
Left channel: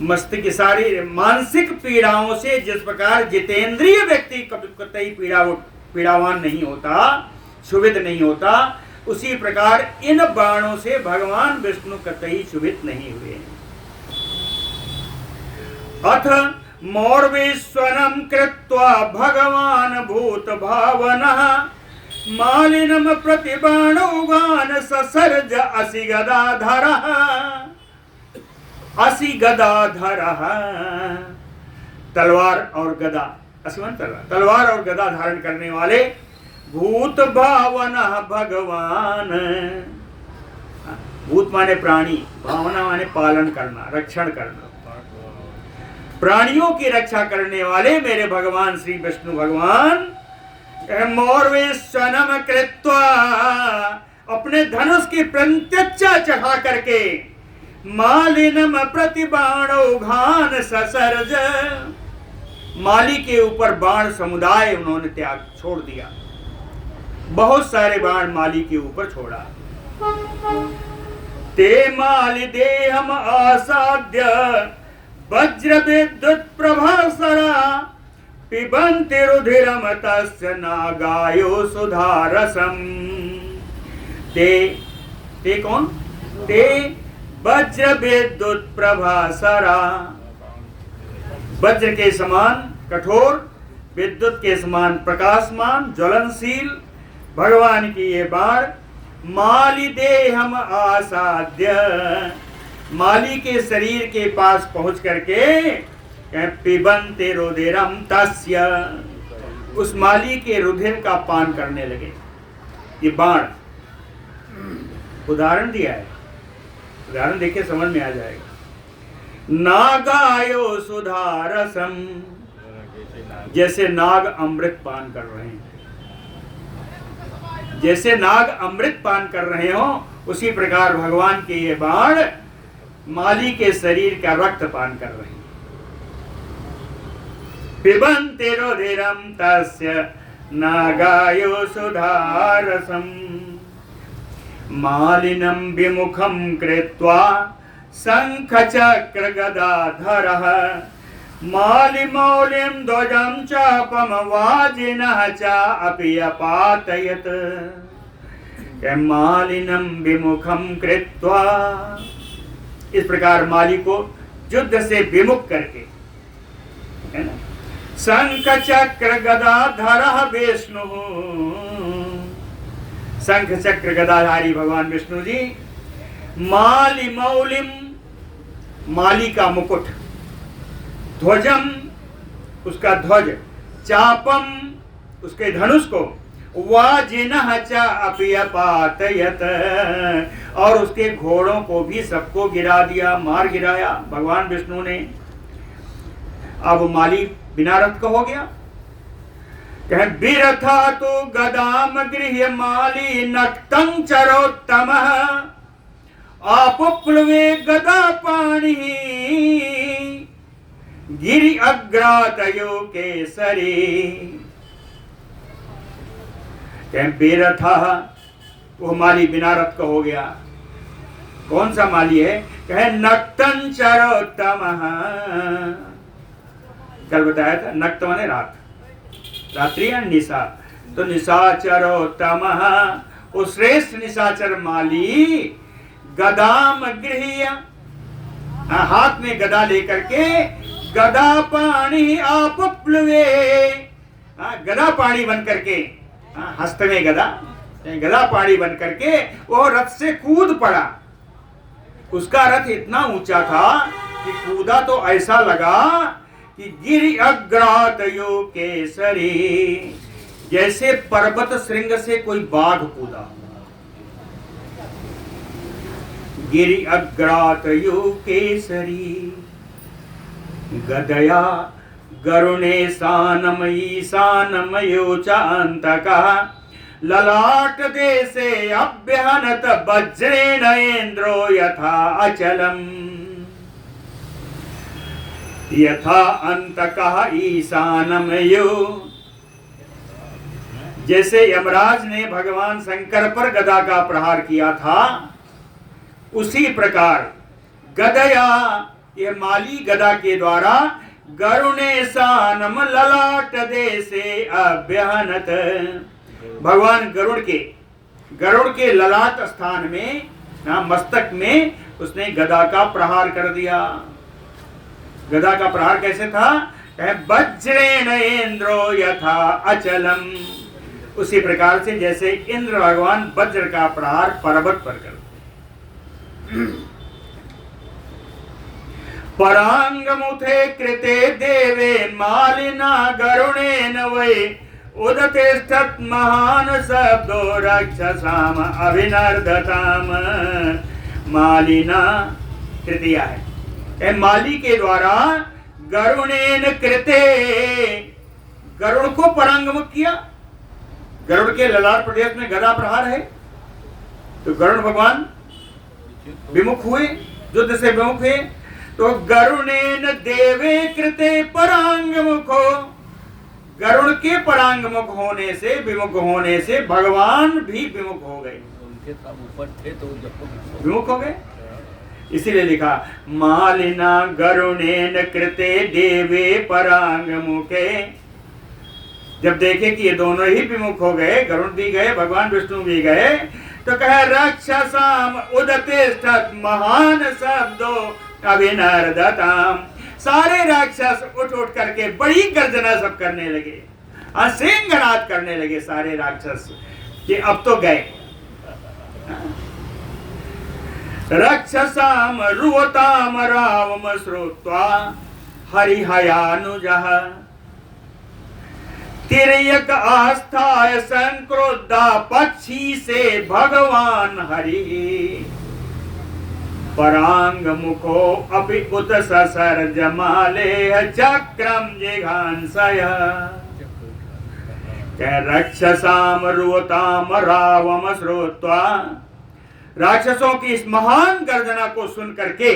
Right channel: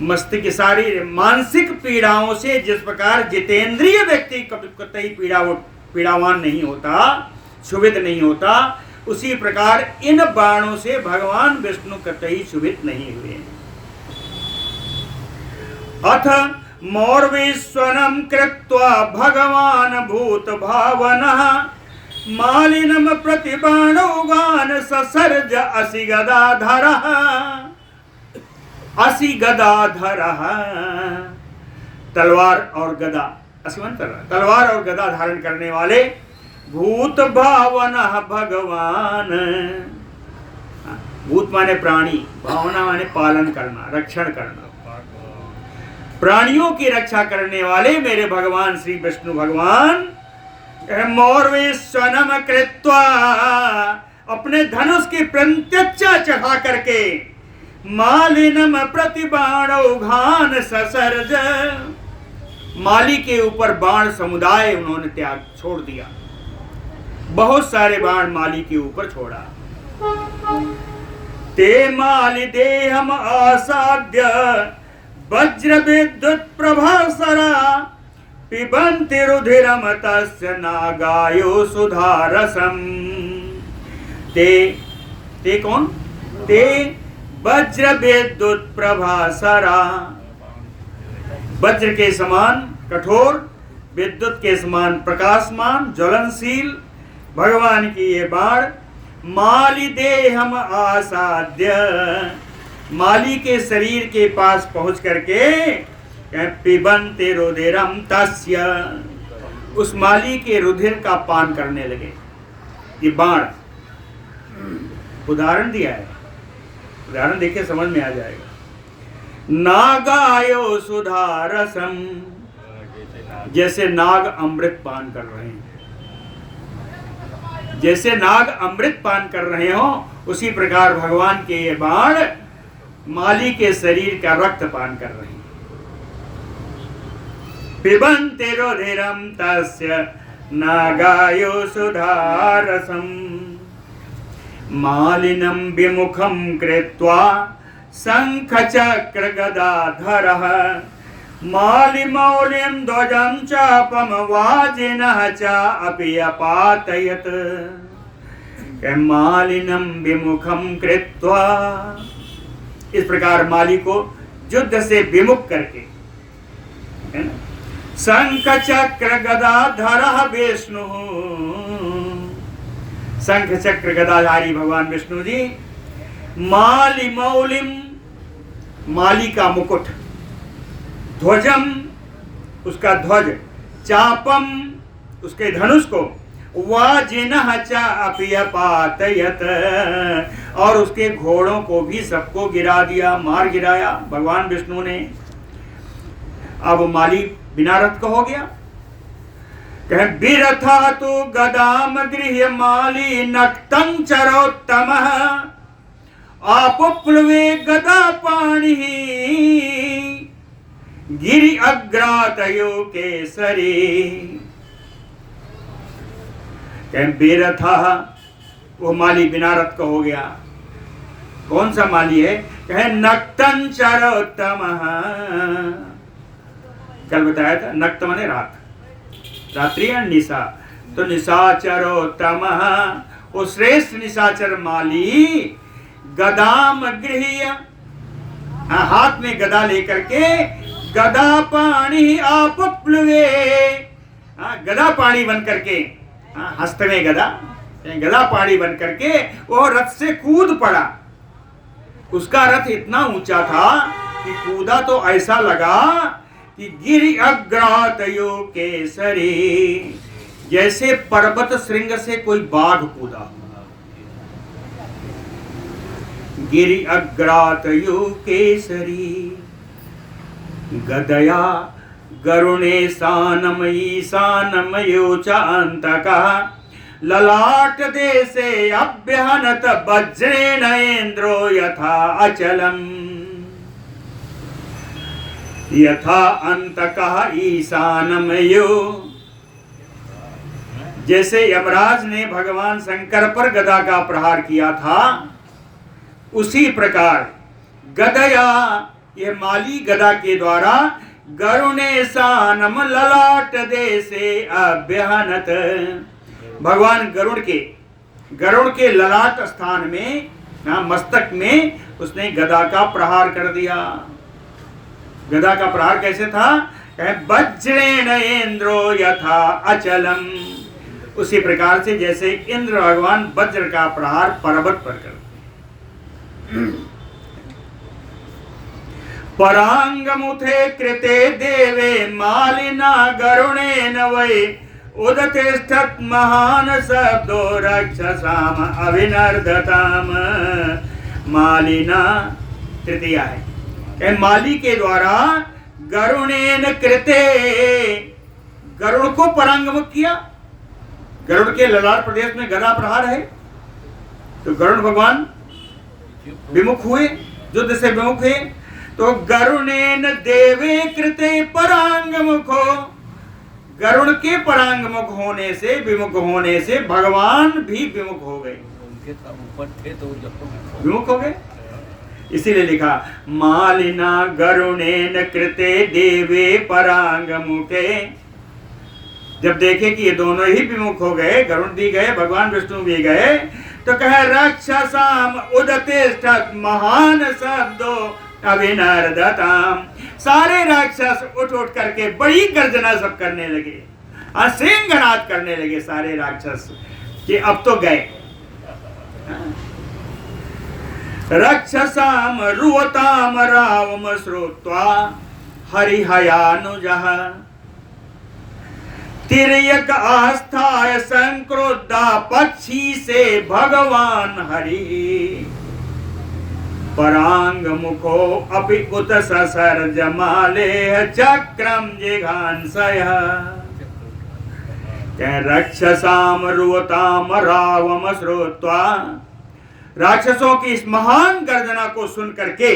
मस्तिष्क सारी मानसिक पीड़ाओं से जिस प्रकार जितेंद्रिय व्यक्ति कतई पीड़ावान नहीं होता, क्षुभित नहीं होता, उसी प्रकार इन बाणों से भगवान विष्णु कतई क्षुभित नहीं हुए। अथ मौर्विस्वनम कृत्वा भगवान भूत भावनः मालिनम प्रतिबाणोगान ससर्ज असि गदाधरः, असि गदाधरः, तलवार और गदा, असिवन तलवार और गदा धारण करने वाले भूत भावनः भगवान। भूत माने प्राणी, भावना माने पालन करना, रक्षण करना, प्राणियों की रक्षा करने वाले मेरे भगवान श्री विष्णु भगवान मौर्विस्वनम कृत्वा, अपने धनुष की प्रत्यक्षा चढ़ा करके मालिनम प्रतिबाणौघान ससर्ज, माली के ऊपर बाण समुदाय उन्होंने त्याग छोड़ दिया, बहुत सारे बाण माली के ऊपर छोड़ा। ते मालि देहम आसाद्य वज्र विद्युत प्रभासरा पिबन्ति रुधिरम तस्य नागायो सुधारसम। ते कौन? ते वज्र विद्युत प्रभासरा, वज्र के समान कठोर, विद्युत के समान प्रकाशमान, ज्वलनशील भगवान की ये बाण माली देहम आसाद्य, माली के शरीर के पास पहुंच करके पिबन्ते रुधिरम तस्य, उस माली के रुधिर का पान करने लगे। ये बाण उदाहरण दिया है, उदाहरण देखिए समझ में आ जाएगा। नागायो सुधारसम, जैसे नाग अमृत पान कर रहे हैं, जैसे नाग अमृत पान कर रहे हो, उसी प्रकार भगवान के ये बाण माली के शरीर का रक्त पान कर रहे हैं। पिबन्ते रुधिरम तस्य नागायो सुधारसम। मालिनं विमुखं कृत्वा शंख चक्र गदाधरः मालिमौलिं ध्वजं चापम वाजिनः च अपि अपातयत्। मालिनं विमुखं कृत्वा, इस प्रकार माली को युद्ध से विमुख करके, है ना, शंख चक्र गदाधरः विष्णु, शंख चक्र गदाधारी भगवान विष्णु जी, माली मौलिम, माली का मुकुट, ध्वजम, उसका ध्वज, चापम, उसके धनुष को, वाजिनः च अपि अपातयत्, और उसके घोड़ों को भी सबको गिरा दिया, मार गिराया भगवान विष्णु ने। अब माली बिना रथ का हो गया। बिरथा तो गदाम गृह्य माली नक्तं चरोत्तमः आपुप्लवे गदा पाणि गिरि अग्रातयो केसरी। बेरथा, वो माली बिना रथ का हो गया। कौन सा माली है? कहे नक्तं चरोत्तमः, कल बताया था, नक्त माने रात, रात्रि और निशा, तो निशाचरोत्तमः, वो श्रेष्ठ निशाचर माली गदाम गृह्य, हाथ में गदा लेकर के, गदा पाणी आपुप्लवे, गदा पाणी बन करके, हस्त में गदा, गदा पाणी बन करके वो रथ से कूद पड़ा। उसका रथ इतना ऊंचा था कि कूदा तो ऐसा लगा कि गिरि अग्रातयो केसरी, जैसे पर्वत श्रृंग से कोई बाघ कूदा। गिरि अग्रातयो केसरी गदया गरुणे सानमयी सानमयो चान्तकः ललाट देशे अभ्यहनत वज्रेण इंद्रो यथा अचलम् यथा अंतकः ईशानमयो। जैसे यमराज ने भगवान शंकर पर गदा का प्रहार किया था, उसी प्रकार गदया, ये माली गदा के द्वारा गरुणे सानम ललाट देशे अभ्यहनत, भगवान गरुड़ के ललाट स्थान में, मस्तक में उसने गदा का प्रहार कर दिया। गदा का प्रहार कैसे था? वज्रेण इंद्रो यथा अचलम, उसी प्रकार से जैसे इंद्र भगवान वज्र का प्रहार पर्वत पर करते। परांगमुथे कृते देवे मालिना गरुणेन वै उदतिष्ठत् महान शब्दो रक्षसाम अभिनर्दताम। मालिना तृतीया है, माली के द्वारा गरुणेन कृते, गरुड़ को परांगमुख किया। गरुड़ के ललाट प्रदेश में गदा प्रहार है, तो गरुड़ भगवान विमुख हुए, युद्ध से विमुख हुए। तो गरुणेन देवे कृते परांगमुखो, गरुड़ के परांगमुख होने से, विमुख होने से भगवान भी विमुख हो गए। उनके ऊपर थे तो विमुख हो गए। इसीलिए लिखा मालिना गरुणेन कृते देवे परांग मुखे। जब देखे कि ये दोनों ही विमुख हो गए, गरुण भी गए, भगवान विष्णु भी गए, तो कहे राक्षसाम उदतिष्ठत् महान शब्दो अभिनर्दताम। सारे राक्षस उठ उठ करके बड़ी गर्जना सब करने लगे, सिंहनाद करने लगे सारे राक्षस कि अब तो गए। राक्षसाम रुवताम रावम श्रुत्वा हरिहयानुजः तिर्यक आस्थाय संक्रोधा पक्षी से भगवान हरि। परांग मुखो अपि उत ससर्ज माले चक्रम जिघांसय। रक्षसाम रुवताम रावम श्रुत्वा, राक्षसों की इस महान गर्जना को सुन करके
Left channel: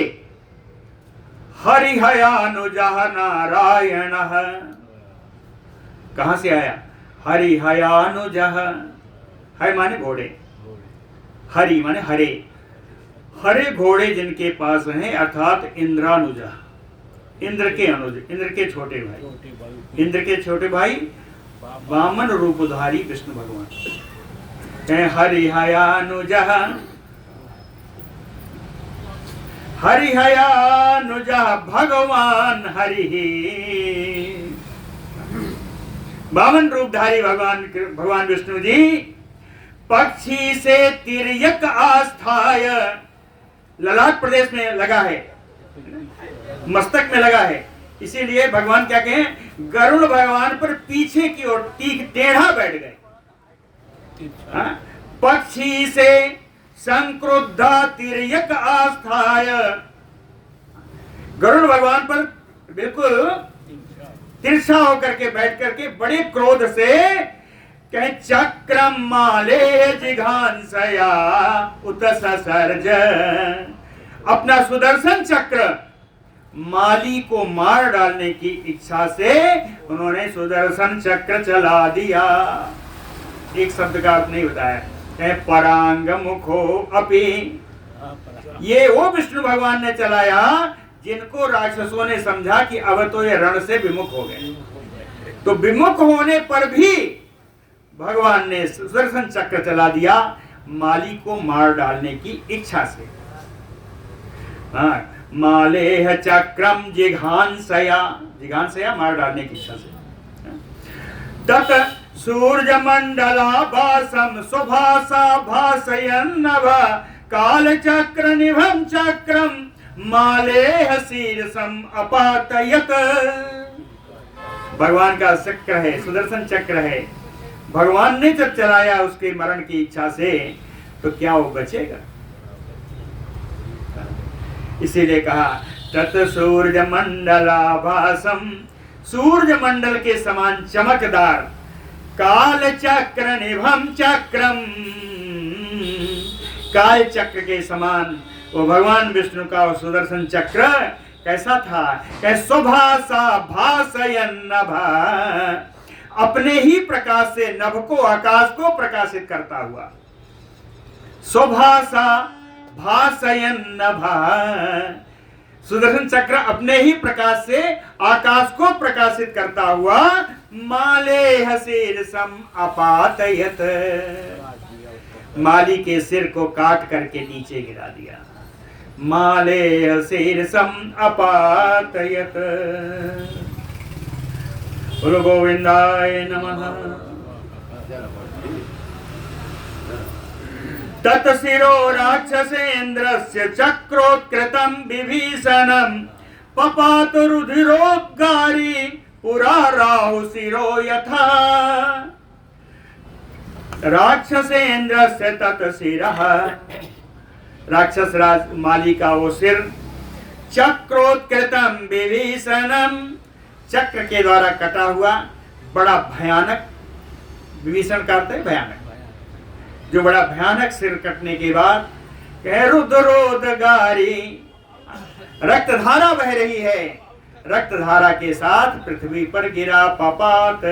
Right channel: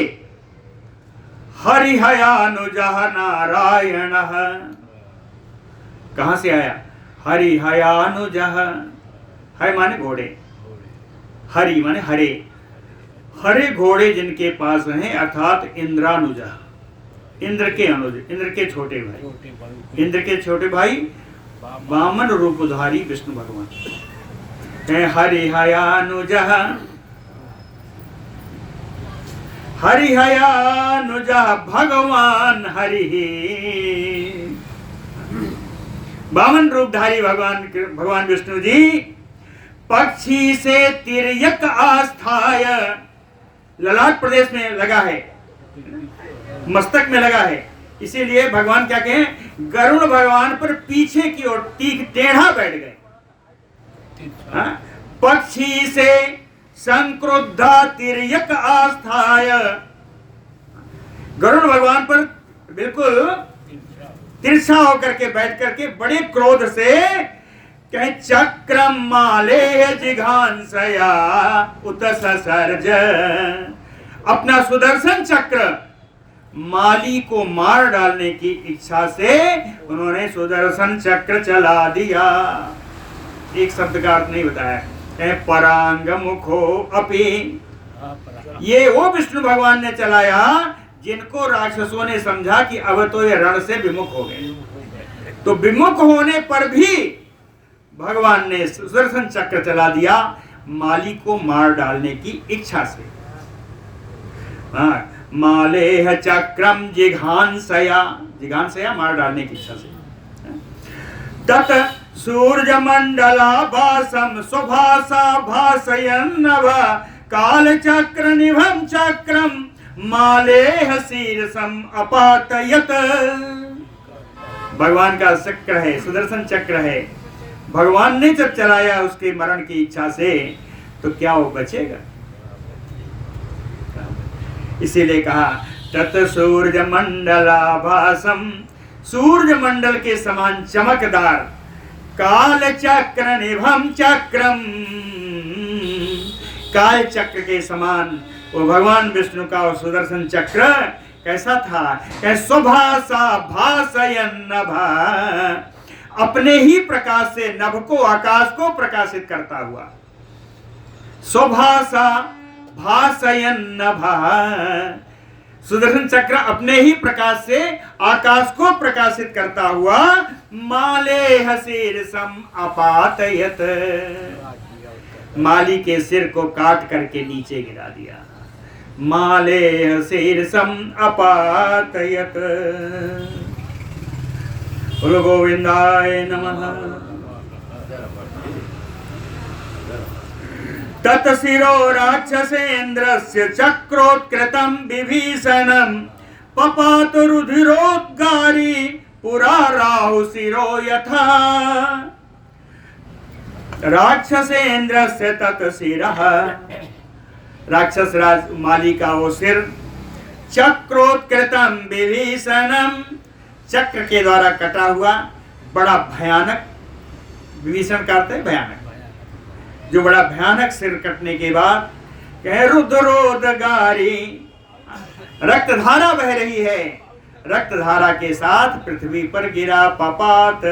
हरिहयानुजः नारायण, कहां से आया? हरिहयानुजः, है माने घोड़े, हरि माने हरे, हरे घोड़े जिनके पास हैं, अर्थात इंद्रानुजा, इंद्र के अनुज, इंद्र के छोटे भाई, इंद्र के छोटे भाई वामन रूपधारी विष्णु भगवान। हरिहयानुजः, हरिहयानुजः भगवान हरि। वामन रूपधारी भगवान विष्णु जी पक्षी से तिर्यक आस्थाय, ललाट प्रदेश में लगा है, मस्तक में लगा है, इसीलिए भगवान क्या कहें, गरुण भगवान पर पीछे की ओर टेढ़ा बैठ गए। पक्षी से संक्रुद्धा तिर्यक आस्थाय, गरुड़ भगवान पर बिल्कुल तिरछा होकर के बैठ करके बड़े क्रोध से कहे चक्रम माले जिघांसया उत ससर्ज, अपना सुदर्शन चक्र माली को मार डालने की इच्छा से उन्होंने सुदर्शन चक्र चला दिया। एक शब्द का अर्थ नहीं बताया, परांग मुखो अपि, ये वो विष्णु भगवान ने चलाया जिनको राक्षसों ने समझा कि अब तो ये रण से विमुख हो गए, तो विमुख होने पर भी भगवान ने सुदर्शन चक्र चला दिया माली को मार डालने की इच्छा से। माले चक्रम जिघांसया, जिघांसया मार डालने की इच्छा से। तत सूर्य मंडला भासम सुभासा भासयन्नव काल चक्र निभम चक्रम माले शीर्षम अपातयत। भगवान का चक्र है, सुदर्शन चक्र है, भगवान ने जब चलाया उसके मरण की इच्छा से, तो क्या वो बचेगा? इसीलिए कहा तत सूर्य मंडलाभासम, सूर्य मंडल के समान चमकदार, काल चक्र निभम चक्रम, काल चक्र के समान वो भगवान विष्णु का वो सुदर्शन चक्र कैसा था? सुभासा भासयन नभा, अपने ही प्रकाश से नभ को, आकाश को प्रकाशित करता हुआ। सुभासा भासयन नभा, सुदर्शन चक्र अपने ही प्रकाश से आकाश को प्रकाशित करता हुआ माले शीर्षम अपातयत, माली के सिर को काट करके नीचे गिरा दिया। माले शीर्षम अपातयत। बोलो गोविंदाय नमः। तत्शिरो राक्षसेन्द्रस्य चक्रोत्कृतं विभीषणं पपातु रुधिरोद्गारी पुरा राहुशिरो यथा। राक्षसेन्द्रस्य तत्शिरः, राक्षस राज माली का वो सिर, चक्रोत्कृतं विभीषणं, चक्र के द्वारा कटा हुआ, बड़ा भयानक, विभीषण का अर्थ है भयानक, जो बड़ा भयानक सिर कटने के बाद कह रुद्रोदगारी, रक्त धारा बह रही है, रक्त धारा के साथ पृथ्वी पर गिरा पपात।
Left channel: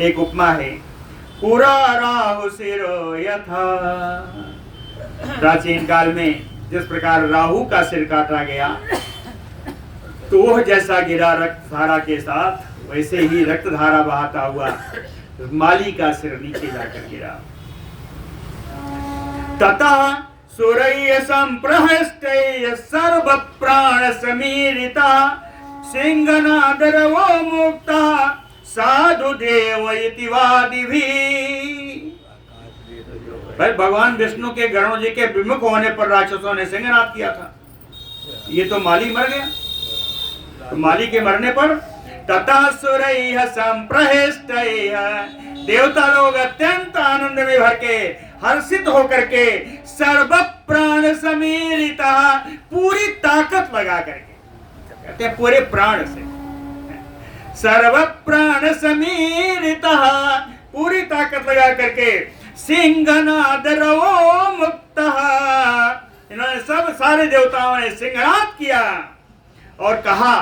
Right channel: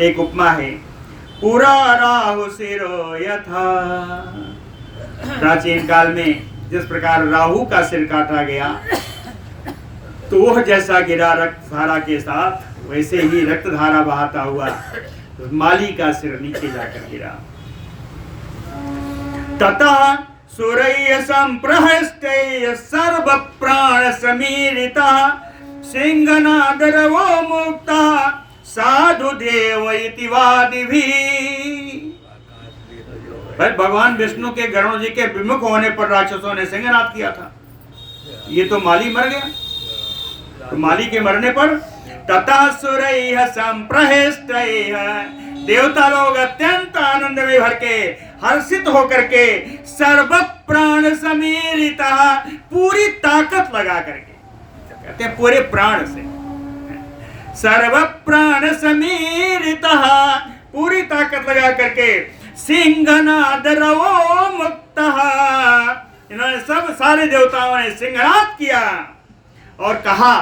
एक उपमा है, पूरा राहुशिरो यथा। प्राचीन काल में जिस प्रकार राहु का सिर काटा गया तो वह जैसा गिरा रक्त धारा के साथ, वैसे ही रक्त धारा बहाता हुआ माली का सिर नीचे जाकर गिरा। ततः सुरय संप्रहष्टय सर्व प्राण समीरिता सिंहनादरवो मुक्ता साधु देव इति वादिभिः। भाई भगवान विष्णु के गरुण जी के विमुख होने पर राक्षसों ने सिंहनाद किया था। ये तो माली मर गया, तो माली के मरने पर ततः सुरैः संप्रहष्टैः, देवता लोग अत्यंत आनंद में भर के हर्षित होकर के सर्व प्राण समीरिता, पूरी ताकत लगा करके, कहते हैं पूरे प्राण से, सर्व प्राण समीरिता, पूरी ताकत लगा करके सिंहनादरवो मुक्तः, इन्होंने सब सारे देवताओं ने सिंहनाद किया और कहा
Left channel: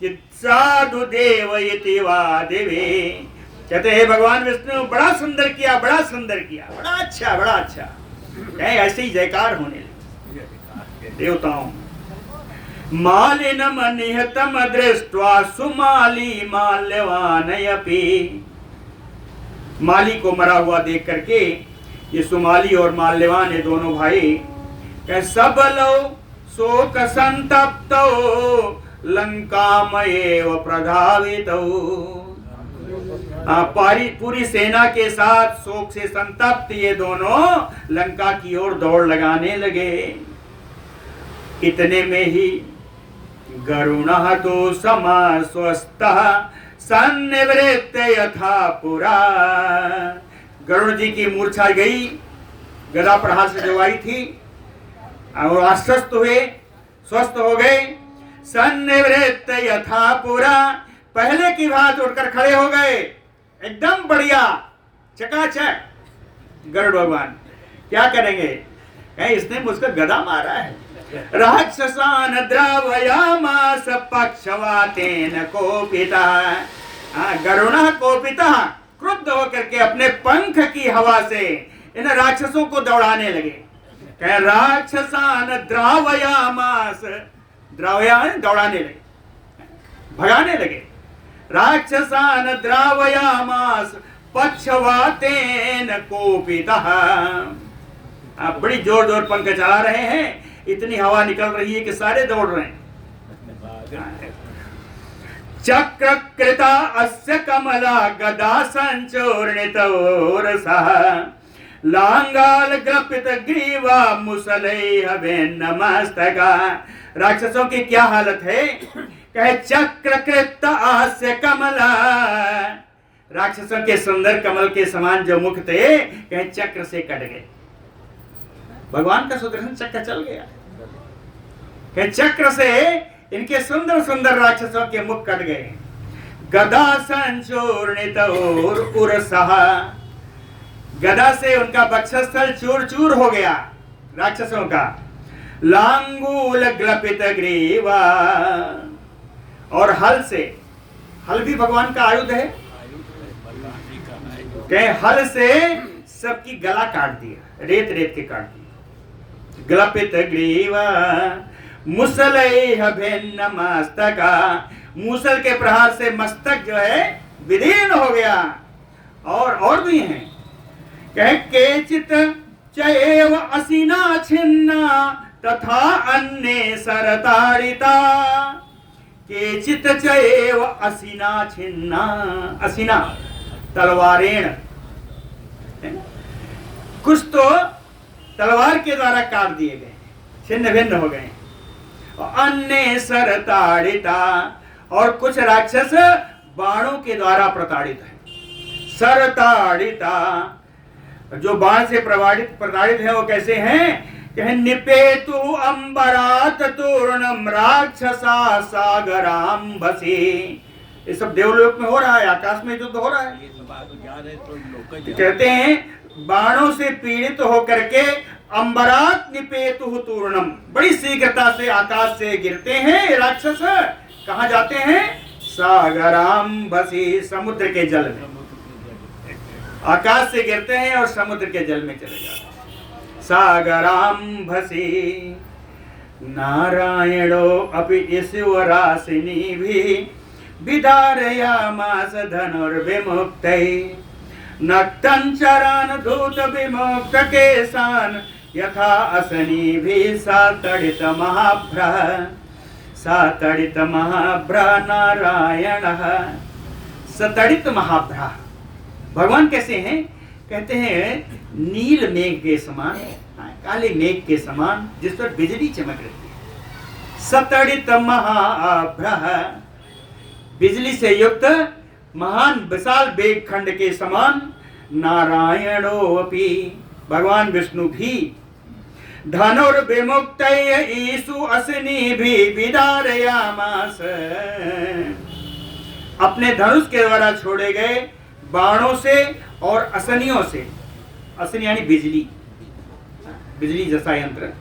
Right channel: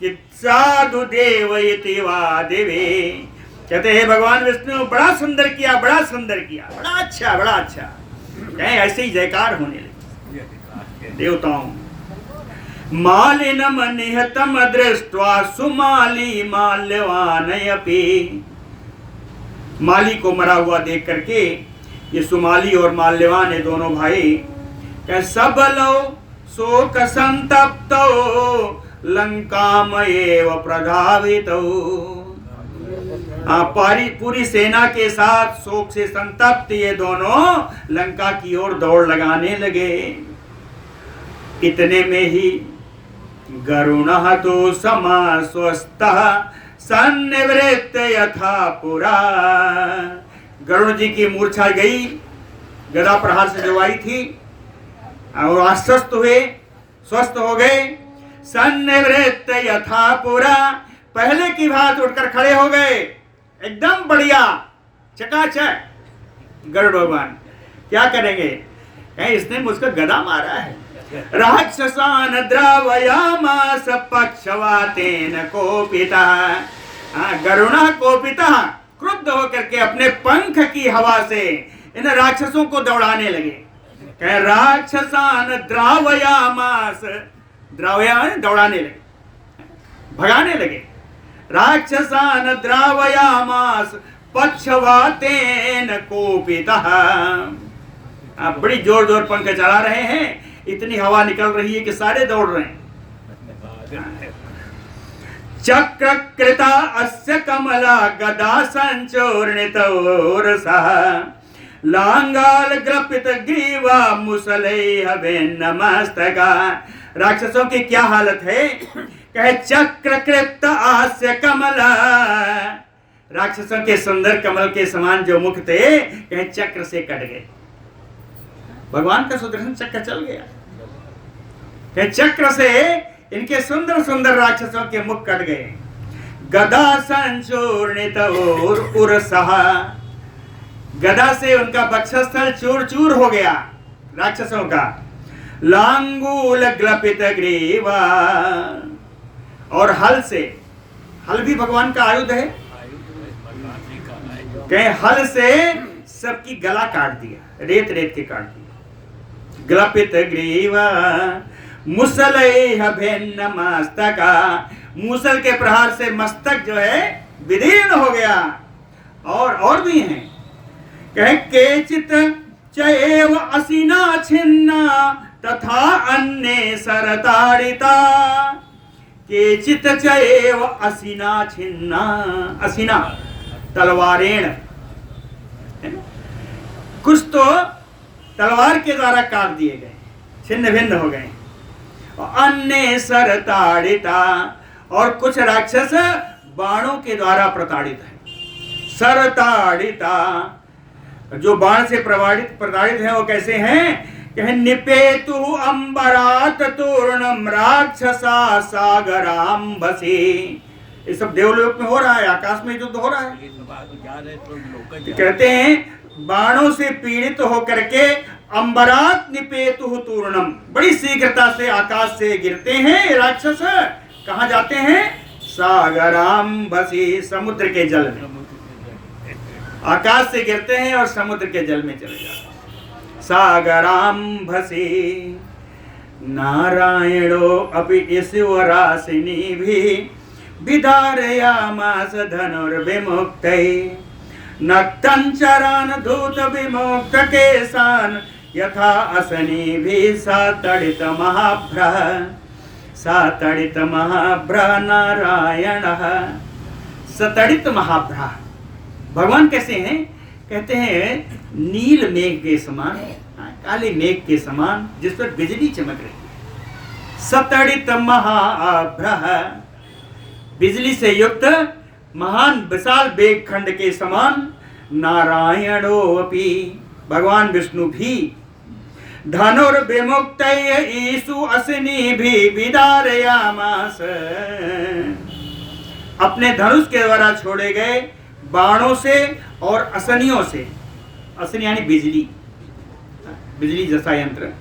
कि साधु देव इति वादिभिः, कहते हैं भगवान विष्णु बड़ा सुंदर किया, बड़ा सुंदर किया, बड़ा अच्छा, बड़ा अच्छा, कहीं ऐसे ही जयकार होने लगे देवताओं। मालिनम निहतम दृष्ट्वा सुमाली माल्यवानयपि, माली को मरा हुआ देख करके ये सुमाली और माल्यवान ये दोनों भाई सबलो शोक संतप्तो लंकामयेव प्रधावितो, पूरी सेना के साथ शोक से संतप्त ये दोनों लंका की ओर दौड़ लगाने लगे। इतने में ही गरुणः तो समास्वस्तः सन्निवृत्त यथा पुरा, गरुण जी की मूर्छा गई, गदा प्रहार से जो आई थी, और आश्वस्त हुए, स्वस्थ हो गए। सन्निवृत्त यथा पुरा, पहले की भांति उठकर खड़े हो गए, एकदम बढ़िया चकाचक। गरुड़ भगवान क्या करेंगे, कहीं इसने मुझको गदा मारा है। राक्षसान द्रावयामास पक्षवातेन कोपितः, गरुणः कोपितः, क्रुद्ध होकर के अपने पंख की हवा से इन राक्षसों को दौड़ाने लगे। कह राक्षसान द्रावयामास, द्रावयान दौड़ाने लगे, भगाने लगे। राक्षसान द्रावयामास पक्षवातेन कोपितः, बड़ी जोर जोर पंख चला रहे हैं, इतनी हवा निकल रही है कि सारे दौड़ रहे हैं। चक्रकृता अस्य कमला गदा संचूर्णितोरसः लांगाल ग्रपित ग्रीवा मुसलैः भिन्नमस्तका। राक्षसों की क्या हालत है, कहे चक्रकृत आस्य कमला, राक्षसों के सुंदर कमल के समान जो मुख थे, कहे चक्र से कट गए। भगवान का सुदर्शन चक्र चल गया, कहे चक्र से इनके सुंदर सुंदर राक्षसों के मुख कट गए। गदा संचूर्णित उरसः, गदा से उनका वक्षस्थल चूर चूर हो गया राक्षसों का। लांगूल ग्लपित ग्रीवा, और हल से, हल भी भगवान का आयुध है, कहे हल से सबकी गला काट दिया, रेत रेत के काट दिया। ग्लपित ग्रीवा मुसलैः भिन्न मस्तका, मूसल के प्रहार से मस्तक जो है विदीर्ण हो गया। और भी हैं, कहे केचित चैव असिना छिन्ना तथा अन्ये सरताड़िता, केचित चैव असिना छिन्ना, असिना तलवारेण, कुछ तो तलवार के द्वारा काट दिए गए, छिन्न भिन्न हो गए। अन्य सरताड़िता, और कुछ राक्षस बाणों के द्वारा प्रताड़ित है। सरताड़िता, जो बाण से प्रताड़ित है वो कैसे हैं, कहे निपेतु अंबरात तूर्णम राक्षसा सागराम्भसी। ये सब देवलोक में हो रहा है, आकाश में युद्ध हो रहा है। कहते हैं बाणों से पीड़ित होकर के अंबरात निपेतु तूर्णम, बड़ी शीघ्रता से आकाश से गिरते हैं राक्षस। कहाँ जाते हैं, सागराम्भसी, समुद्र के जल में। आकाश से गिरते हैं और समुद्र के जल में चले जाते हैं। सागराम्भसी, नारायणो अपि ईश्वरासिनी भी विधारयामास धनुर्विमुक्तै नक्तञ्चरान् धूत विमुक्त केशान् यथा असनीभिः सातडित महाभ्रः नारायणः। सतडित महाभ्रः भगवान कैसे हैं? कहते हैं नील मेघ के समान, काले मेघ के समान जिस पर बिजली चमक रही है। सतडित महाभ्रः, बिजली से युक्त महान विशाल मेघ खंड के समान। नारायणो अपि, भगवान विष्णु भी। धनुर्विमुक्त ईशु असनी भी विदारयामास, अपने धनुष के द्वारा छोड़े गए बाणों से और असनियों से, असनी यानी बिजली, बिजली जैसा यंत्र,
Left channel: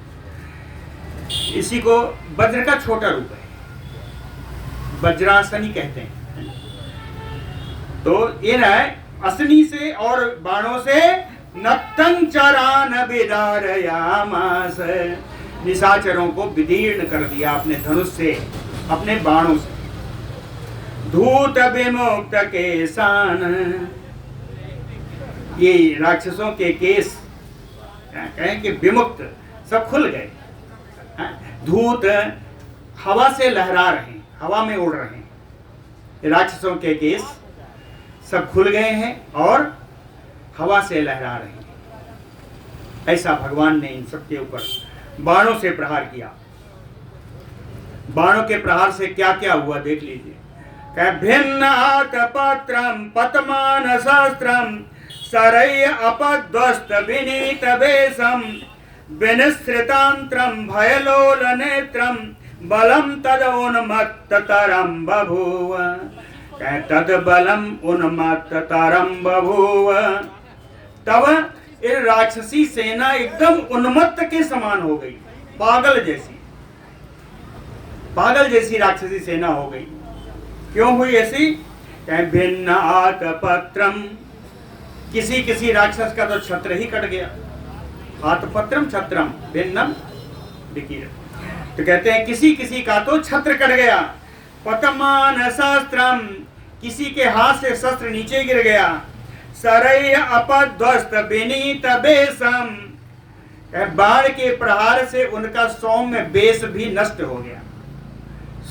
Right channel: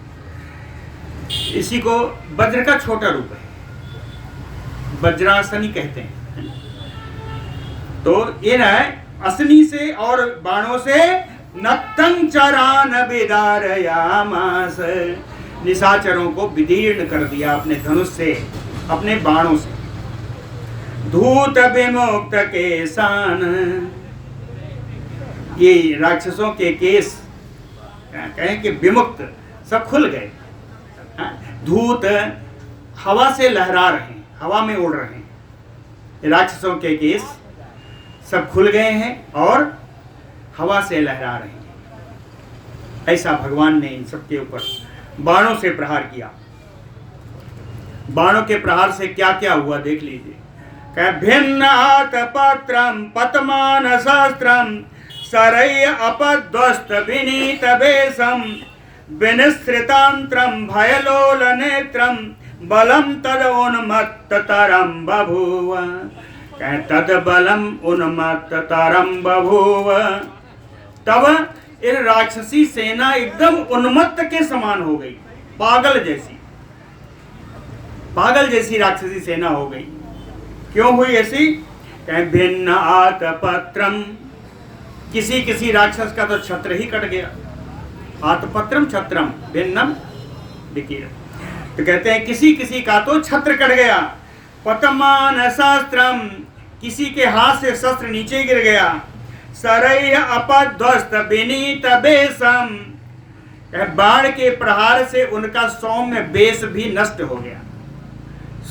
इसी को वज्र का छोटा रूप है, वज्रासनी कहते हैं। तो ये ना असनी से और बाणों से नक्तञ्चरान् विदारयामास, निशाचरों को विदीर्ण कर दिया अपने धनुष से, अपने बाणों से। धूत विमुक्त केशान, ये राक्षसों के केस कहें कि विमुक्त सब खुल गए। धूत हवा से लहरा रहे हैं, हवा में उड़ रहे हैं। राक्षसों के केस सब खुल गए हैं और हवा से लहरा रहे हैं। ऐसा भगवान ने इन सबके ऊपर बाणों से प्रहार किया। बाणों के प्रहार से क्या क्या हुआ देख लीजिए। भिन्नात पत्रम पतमान शास्त्रम सरय अपध्वस्त विनीत वेशम विनिश्रितांत्रम भयलोल नेत्रम बलम तद उन्मत्त तरम बभूव, तद बलम उन्मत्त तरम बभूव। तब ये राक्षसी सेना एकदम उन्मत्त के समान हो गई, पागल जैसी राक्षसी सेना हो गई। क्यों हुई ऐसी? भिन्न आत पत्रम, किसी राक्षस का तो छत्र ही कट गया। आत पत्रम छत्रम भिन्नम विकीर्ण, तो कहते हैं किसी का तो छत्र कट गया। पतमान शास्त्रम, किसी के हाथ से शस्त्र नीचे गिर गया। सरय अपध्वस्त विनीत वेशम, बाण के प्रहार से उनका सौम्य वेश भी नष्ट हो गया।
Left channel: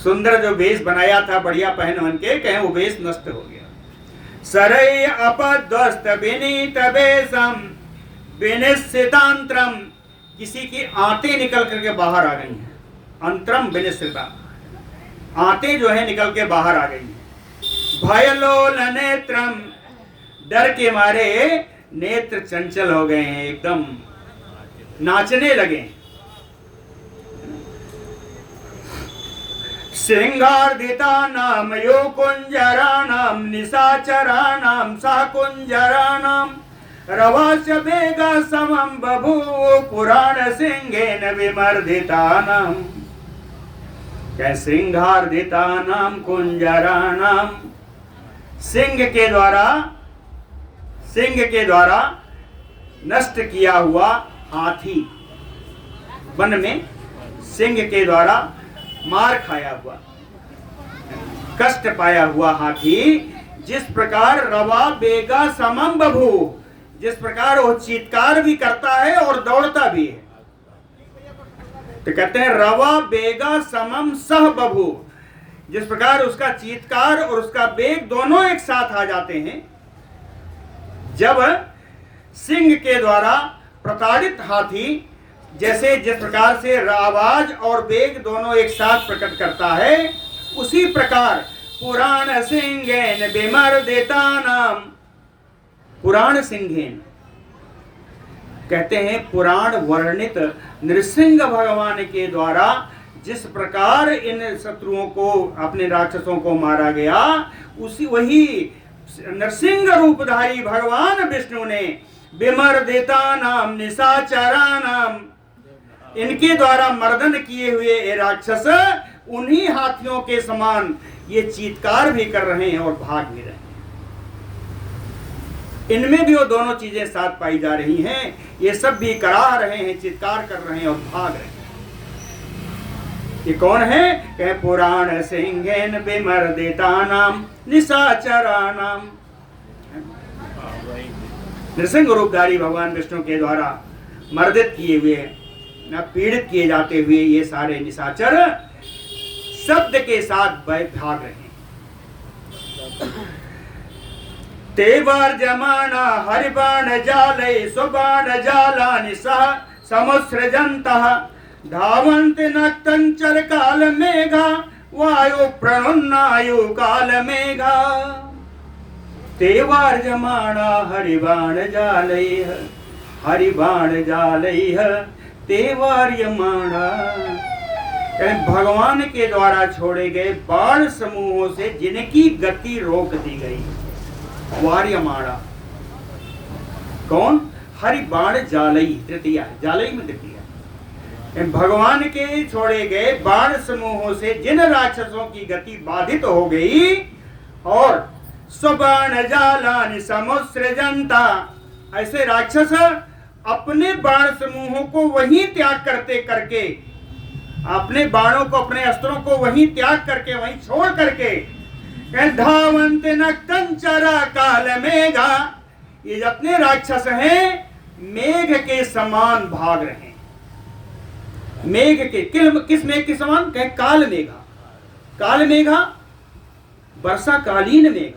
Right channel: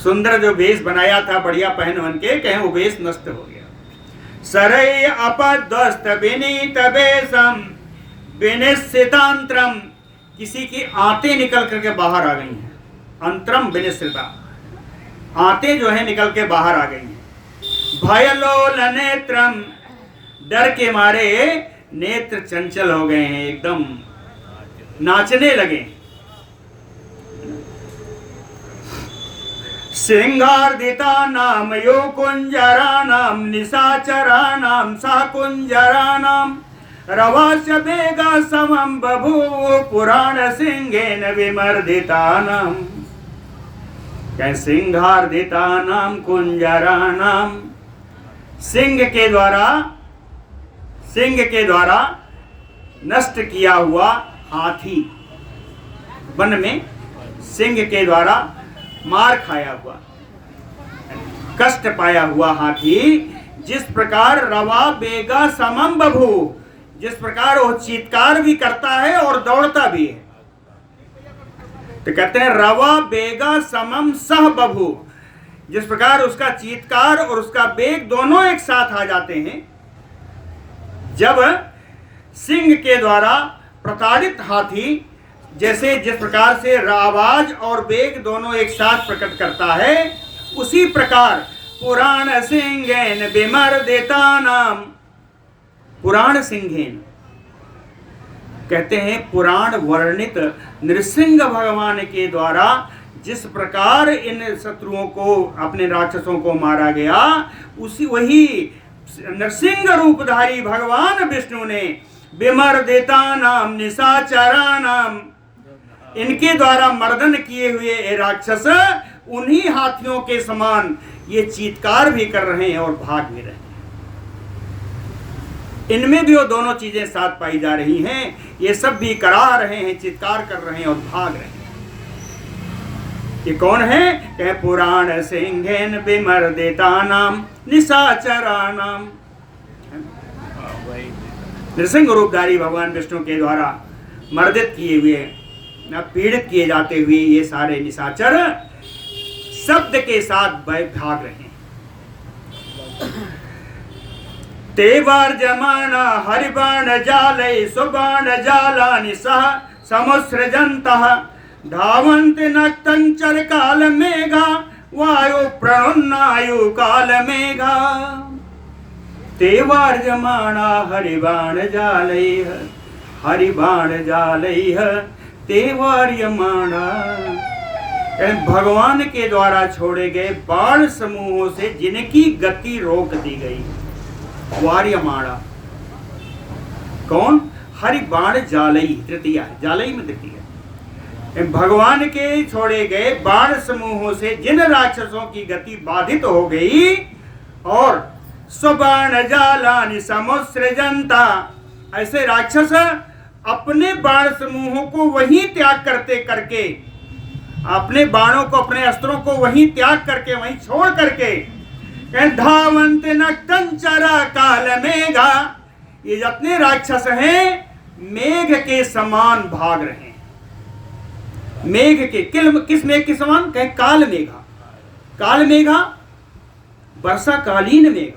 सुंदर जो वेश बनाया था बढ़िया पहन वन के, कहें वो वेश नष्ट हो गया। सरय अपध्वस्त विनीत वेशम विनिश्चितांत्रम, किसी की आंतें निकल करके बाहर आ गई हैं। अंतरम विनिश्चिता, आंतें जो है निकल के बाहर आ गई हैं। भयलोल नेत्रम, डर के मारे नेत्र चंचल हो गए हैं, एकदम नाचने लगे। सिंगार्दिता नाम यो कुंजरा नाम निशाचरा नाम सा कुंजरा नाम रवास वेगा समम बभूव पुराण सिंहेन विमर्दिता नाम। सिंहार्दिता नाम कुंजरा नाम, सिंह के द्वारा नष्ट किया हुआ हाथी, वन में सिंह के द्वारा मार खाया हुआ, कष्ट पाया हुआ हाथी, जिस प्रकार रवा बेगा समम बभू, जिस प्रकार वो चीत्कार भी करता है और दौड़ता भी है। तो कहते हैं रवा बेगा समम सह बभू, जिस प्रकार उसका चीत्कार और उसका बेग दोनों एक साथ आ जाते हैं। जब सिंह के द्वारा प्रताड़ित हाथी जैसे जिस प्रकार से आवाज और बेग दोनों एक साथ प्रकट करता है, उसी प्रकार पुराण सिंहेन विमर्दिता नाम, पुराण सिंहेन कहते हैं पुराण वर्णित नृसिंह भगवान के द्वारा जिस प्रकार इन शत्रुओं को, अपने राक्षसों को मारा गया, वही नृसिंह रूपधारी भगवान विष्णु ने विमर्दिता नाम निशाचरा नाम, इनके द्वारा मर्दन किए हुए ये राक्षस उन्हीं हाथियों के समान ये चीत्कार भी कर रहे हैं और भाग भी रहे हैं। इनमें भी वो दोनों चीजें साथ पाई जा रही हैं। ये सब भी करा रहे हैं, चित्कार कर रहे हैं और भाग रहे हैं। ये कौन है? कह पुराण सिंहेन विमर्दितानाम निशाचरानाम। नृसिंह रूपधारी भगवान विष्णु के द्वारा मर्दित किए हुए, पीड़ित किए जाते हुए ये सारे निशाचर शब्द के साथ भाग रहे हैं। तेवर जमाना हरिबाण जालय सुबाण जाला निशा समुसृजन्तः धावन्त नक्तंचर काल मेघा वायु प्रणुन्नायु काल मेघा। तेवर जमाना हरिबाण जालय तेवर यमाना। भगवान के द्वारा छोड़े गए बाण समूहों से जिनकी गति रोक दी गई, वार्यमाणा। कौन? हरि बाण जालई, तृतीया, जालई में तृतीया। भगवान के छोड़े गए बाण समूहों से जिन राक्षसों की गति बाधित हो गई, और स्वबाण जालानि समुसृजन्ता, ऐसे राक्षस अपने बाण समूहों को वहीं त्याग करते करके, अपने बाणों को, अपने अस्त्रों को वहीं त्याग करके, वहीं छोड़ करके, धावन्त नक्तंचरा काल मेघा, ये जितने राक्षस हैं मेघ के समान भाग रहे हैं। मेघ के, किस मेघ के समान? कहे काल मेघा। काल मेघा वर्षा कालीन मेघ,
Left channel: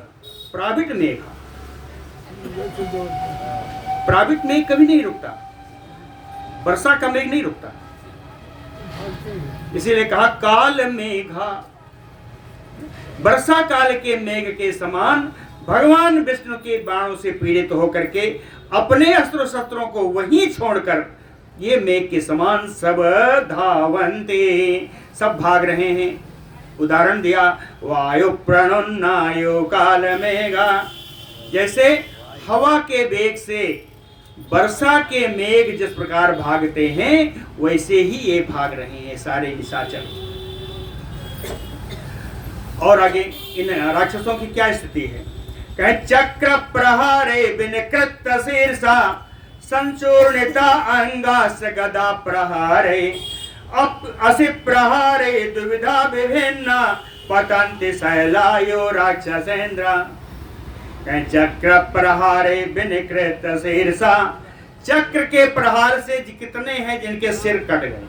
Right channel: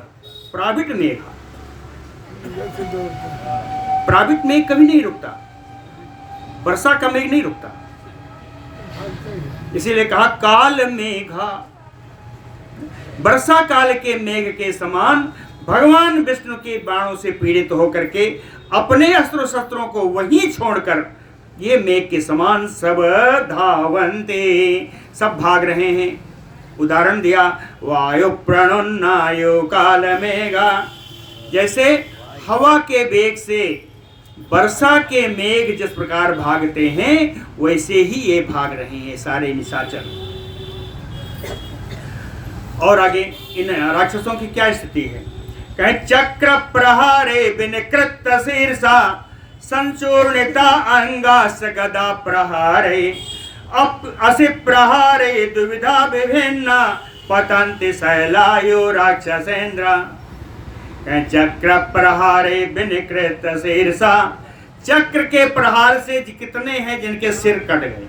प्राविट मेघ। प्राविट मेघ कभी नहीं रुकता, वर्षा का मेघ नहीं रुकता, इसीलिए कहा काल मेघा। वर्षा काल के मेघ के समान भगवान विष्णु के बाणों से पीड़ित होकर के अपने अस्त्र शस्त्रों को वहीं छोड़कर ये मेघ के समान सब धावन्ते, सब भाग रहे हैं। उदाहरण दिया, वायु प्रणुन्नायु काल मेघा। जैसे हवा के वेग से वर्षा के मेघ जिस प्रकार भागते हैं, वैसे ही ये भाग रहे हैं सारे निशाचर। और आगे इन राक्षसों की क्या स्थिति है? कहे चक्र प्रहारे विनिकृत शीर्षा संचूर्णिता अंगास गदा प्रहारे असि प्रहारे दुविधा विभिन्ना पतन्ति शैलायो राक्षसेन्द्र। चक्र प्रहारे विनिकृत शीर्षा, चक्र के प्रहार से कितने हैं जिनके सिर कट गए।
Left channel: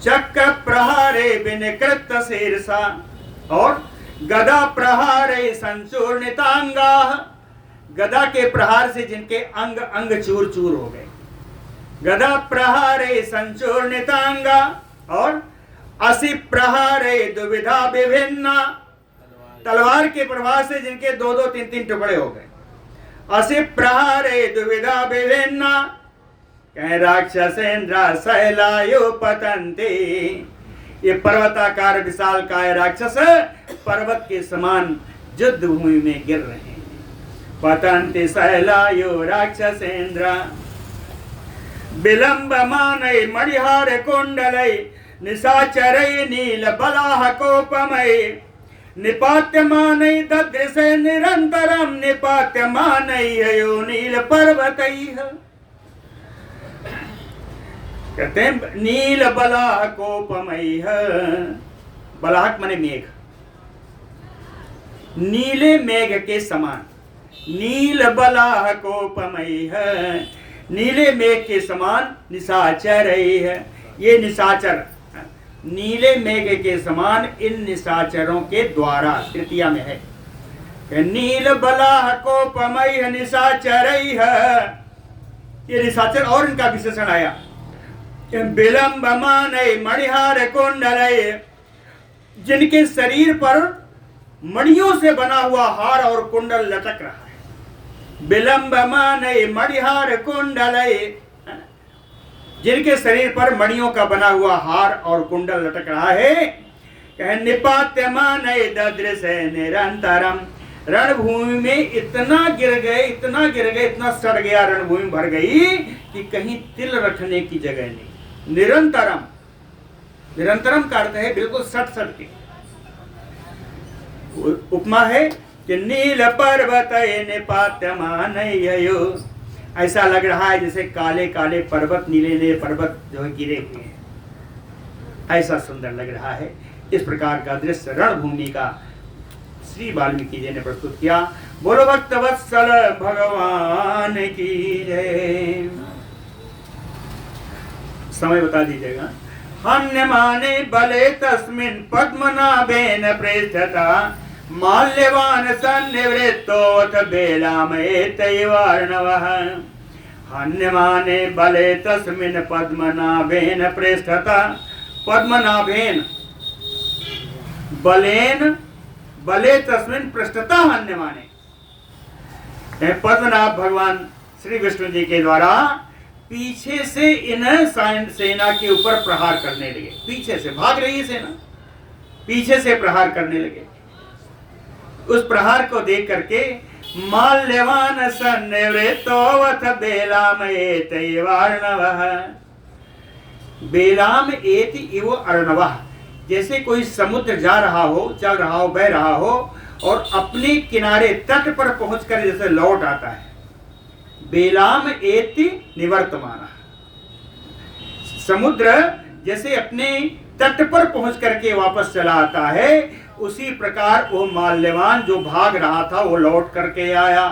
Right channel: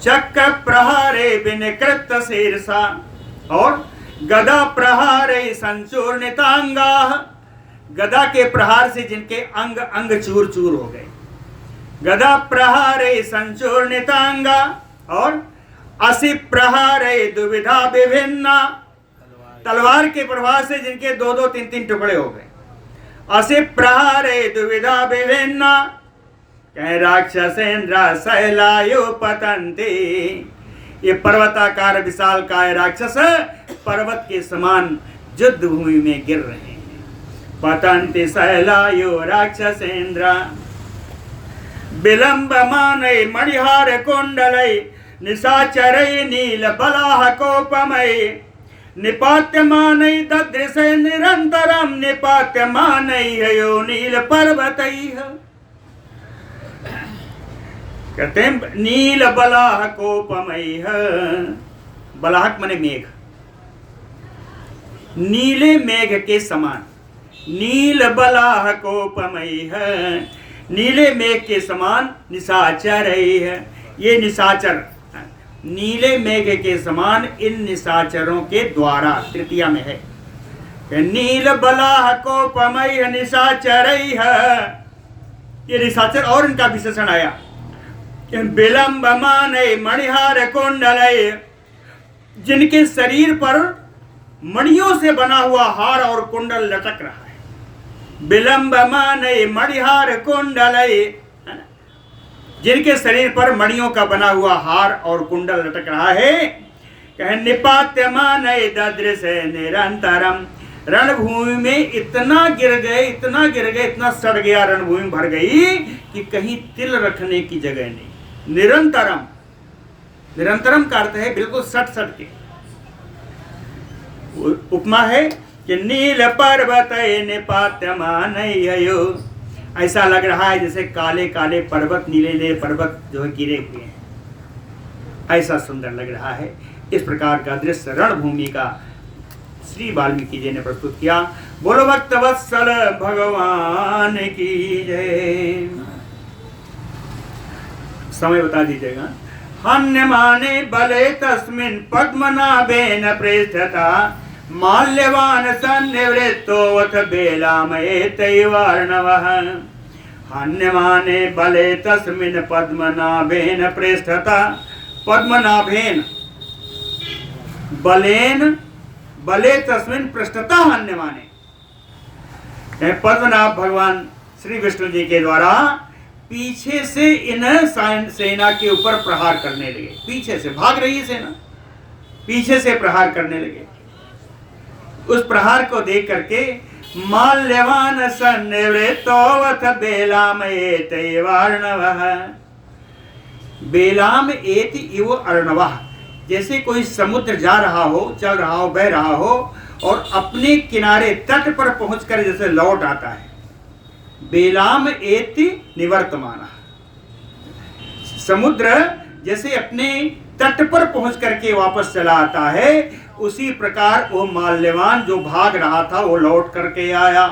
चक्र प्रहारे विनिकृत शीर्षा, और गदा प्रहारे संचूर्णितांगा, गदा के प्रहार से जिनके अंग अंग चूर चूर हो गए। गदा प्रहारे संचूर्णितांगा, और असि प्रहारे दुविधा विभिन्ना, तलवार के प्रहार से जिनके दो दो तीन तीन टुकड़े हो गए। असि प्रहारे दुविधा विभिन्ना, कह राक्षसेन्द्र शैलायो पतन्ते, ये पर्वताकार विशाल काय राक्षस पर्वत के समान युद्ध भूमि में गिर रहे हैं। पतन्ति शैलायो राक्षसेन्द्र। विलंबमानै मणिहार कुंडलै निशाचरै नील बलाह कोपमै निपात्यमानै ददृशे निरंतरम निपात्यमानै यो नील पर्वतैः। कहते हैं नील बलाह कोपमैः, बलाहक माने मेघ, नीले मेघ के समान। नील बलाह कोपमैः, नीले मेघ के समान निशाचरैः, ये निशाचर नीले मेघ के समान इन निशाचरों के द्वारा, तृतीया में है। नील बलाह कोपमैः निशाचरैः, ये निशाचर और इनका विशेषण आया। विलंबमानै मणिहार कुंडलै, जिनके शरीर पर मणियों से बना हुआ हार और कुंडल लटक रहा है। विलंबमानै मणिहार कुंडलै, जिनके शरीर पर मणियों का बना हुआ हार और कुंडल लटक रहा है। कह निपात्यमानै ददृशे निरंतरम, रणभूमि में इतना गिर गए, इतना गिर गए, इतना सड़ गया, रणभूमि भर गई कि कहीं तिल रखने की जगह नहीं। निरंतरम, निरंतरम का अर्थ है बिल्कुल सट सट के। उपमा है कि नील पर्वत निपात्यमानयो, ऐसा लग रहा है जैसे काले काले पर्वत, नीले नीले पर्वत जो है गिरे हुए हैं। ऐसा सुंदर लग रहा है। इस प्रकार का दृश्य रणभूमि का श्री वाल्मीकि जी ने प्रस्तुत किया। बोलो भक्तवत्सल भगवान की जय। समय बता दीजिएगा। हन्यमाने बले तस्मिन् पद्मनाभेन प्रेष्ठता माल्यवान सन्निवृत्तोऽथ बेलामयेतैवार्णवः। हन्यमाने बले तस्मिन् पद्मनाभेन प्रेष्ठता। पद्मनाभेन बलेन बले तस्मिन् पृष्ठता हन्यमाने। पद्मनाभ भगवान श्री विष्णु जी के द्वारा पीछे से इन सेना के ऊपर प्रहार करने लगे। पीछे से भाग रही है सेना, पीछे से प्रहार करने लगे। उस प्रहार को देख करके माल्यवान सन्निवृत्तोऽथ बेलामयेतैवार्णवः। बेलाम एति इव अर्णवः। जैसे कोई समुद्र जा रहा हो, चल रहा हो, बह रहा हो और अपने किनारे तट पर पहुंचकर जैसे लौट आता है। बेलाम एति निवर्तमान। समुद्र जैसे अपने तट पर पहुंच करके वापस चला आता है, उसी प्रकार वो माल्यवान जो भाग रहा था वो लौट करके आया।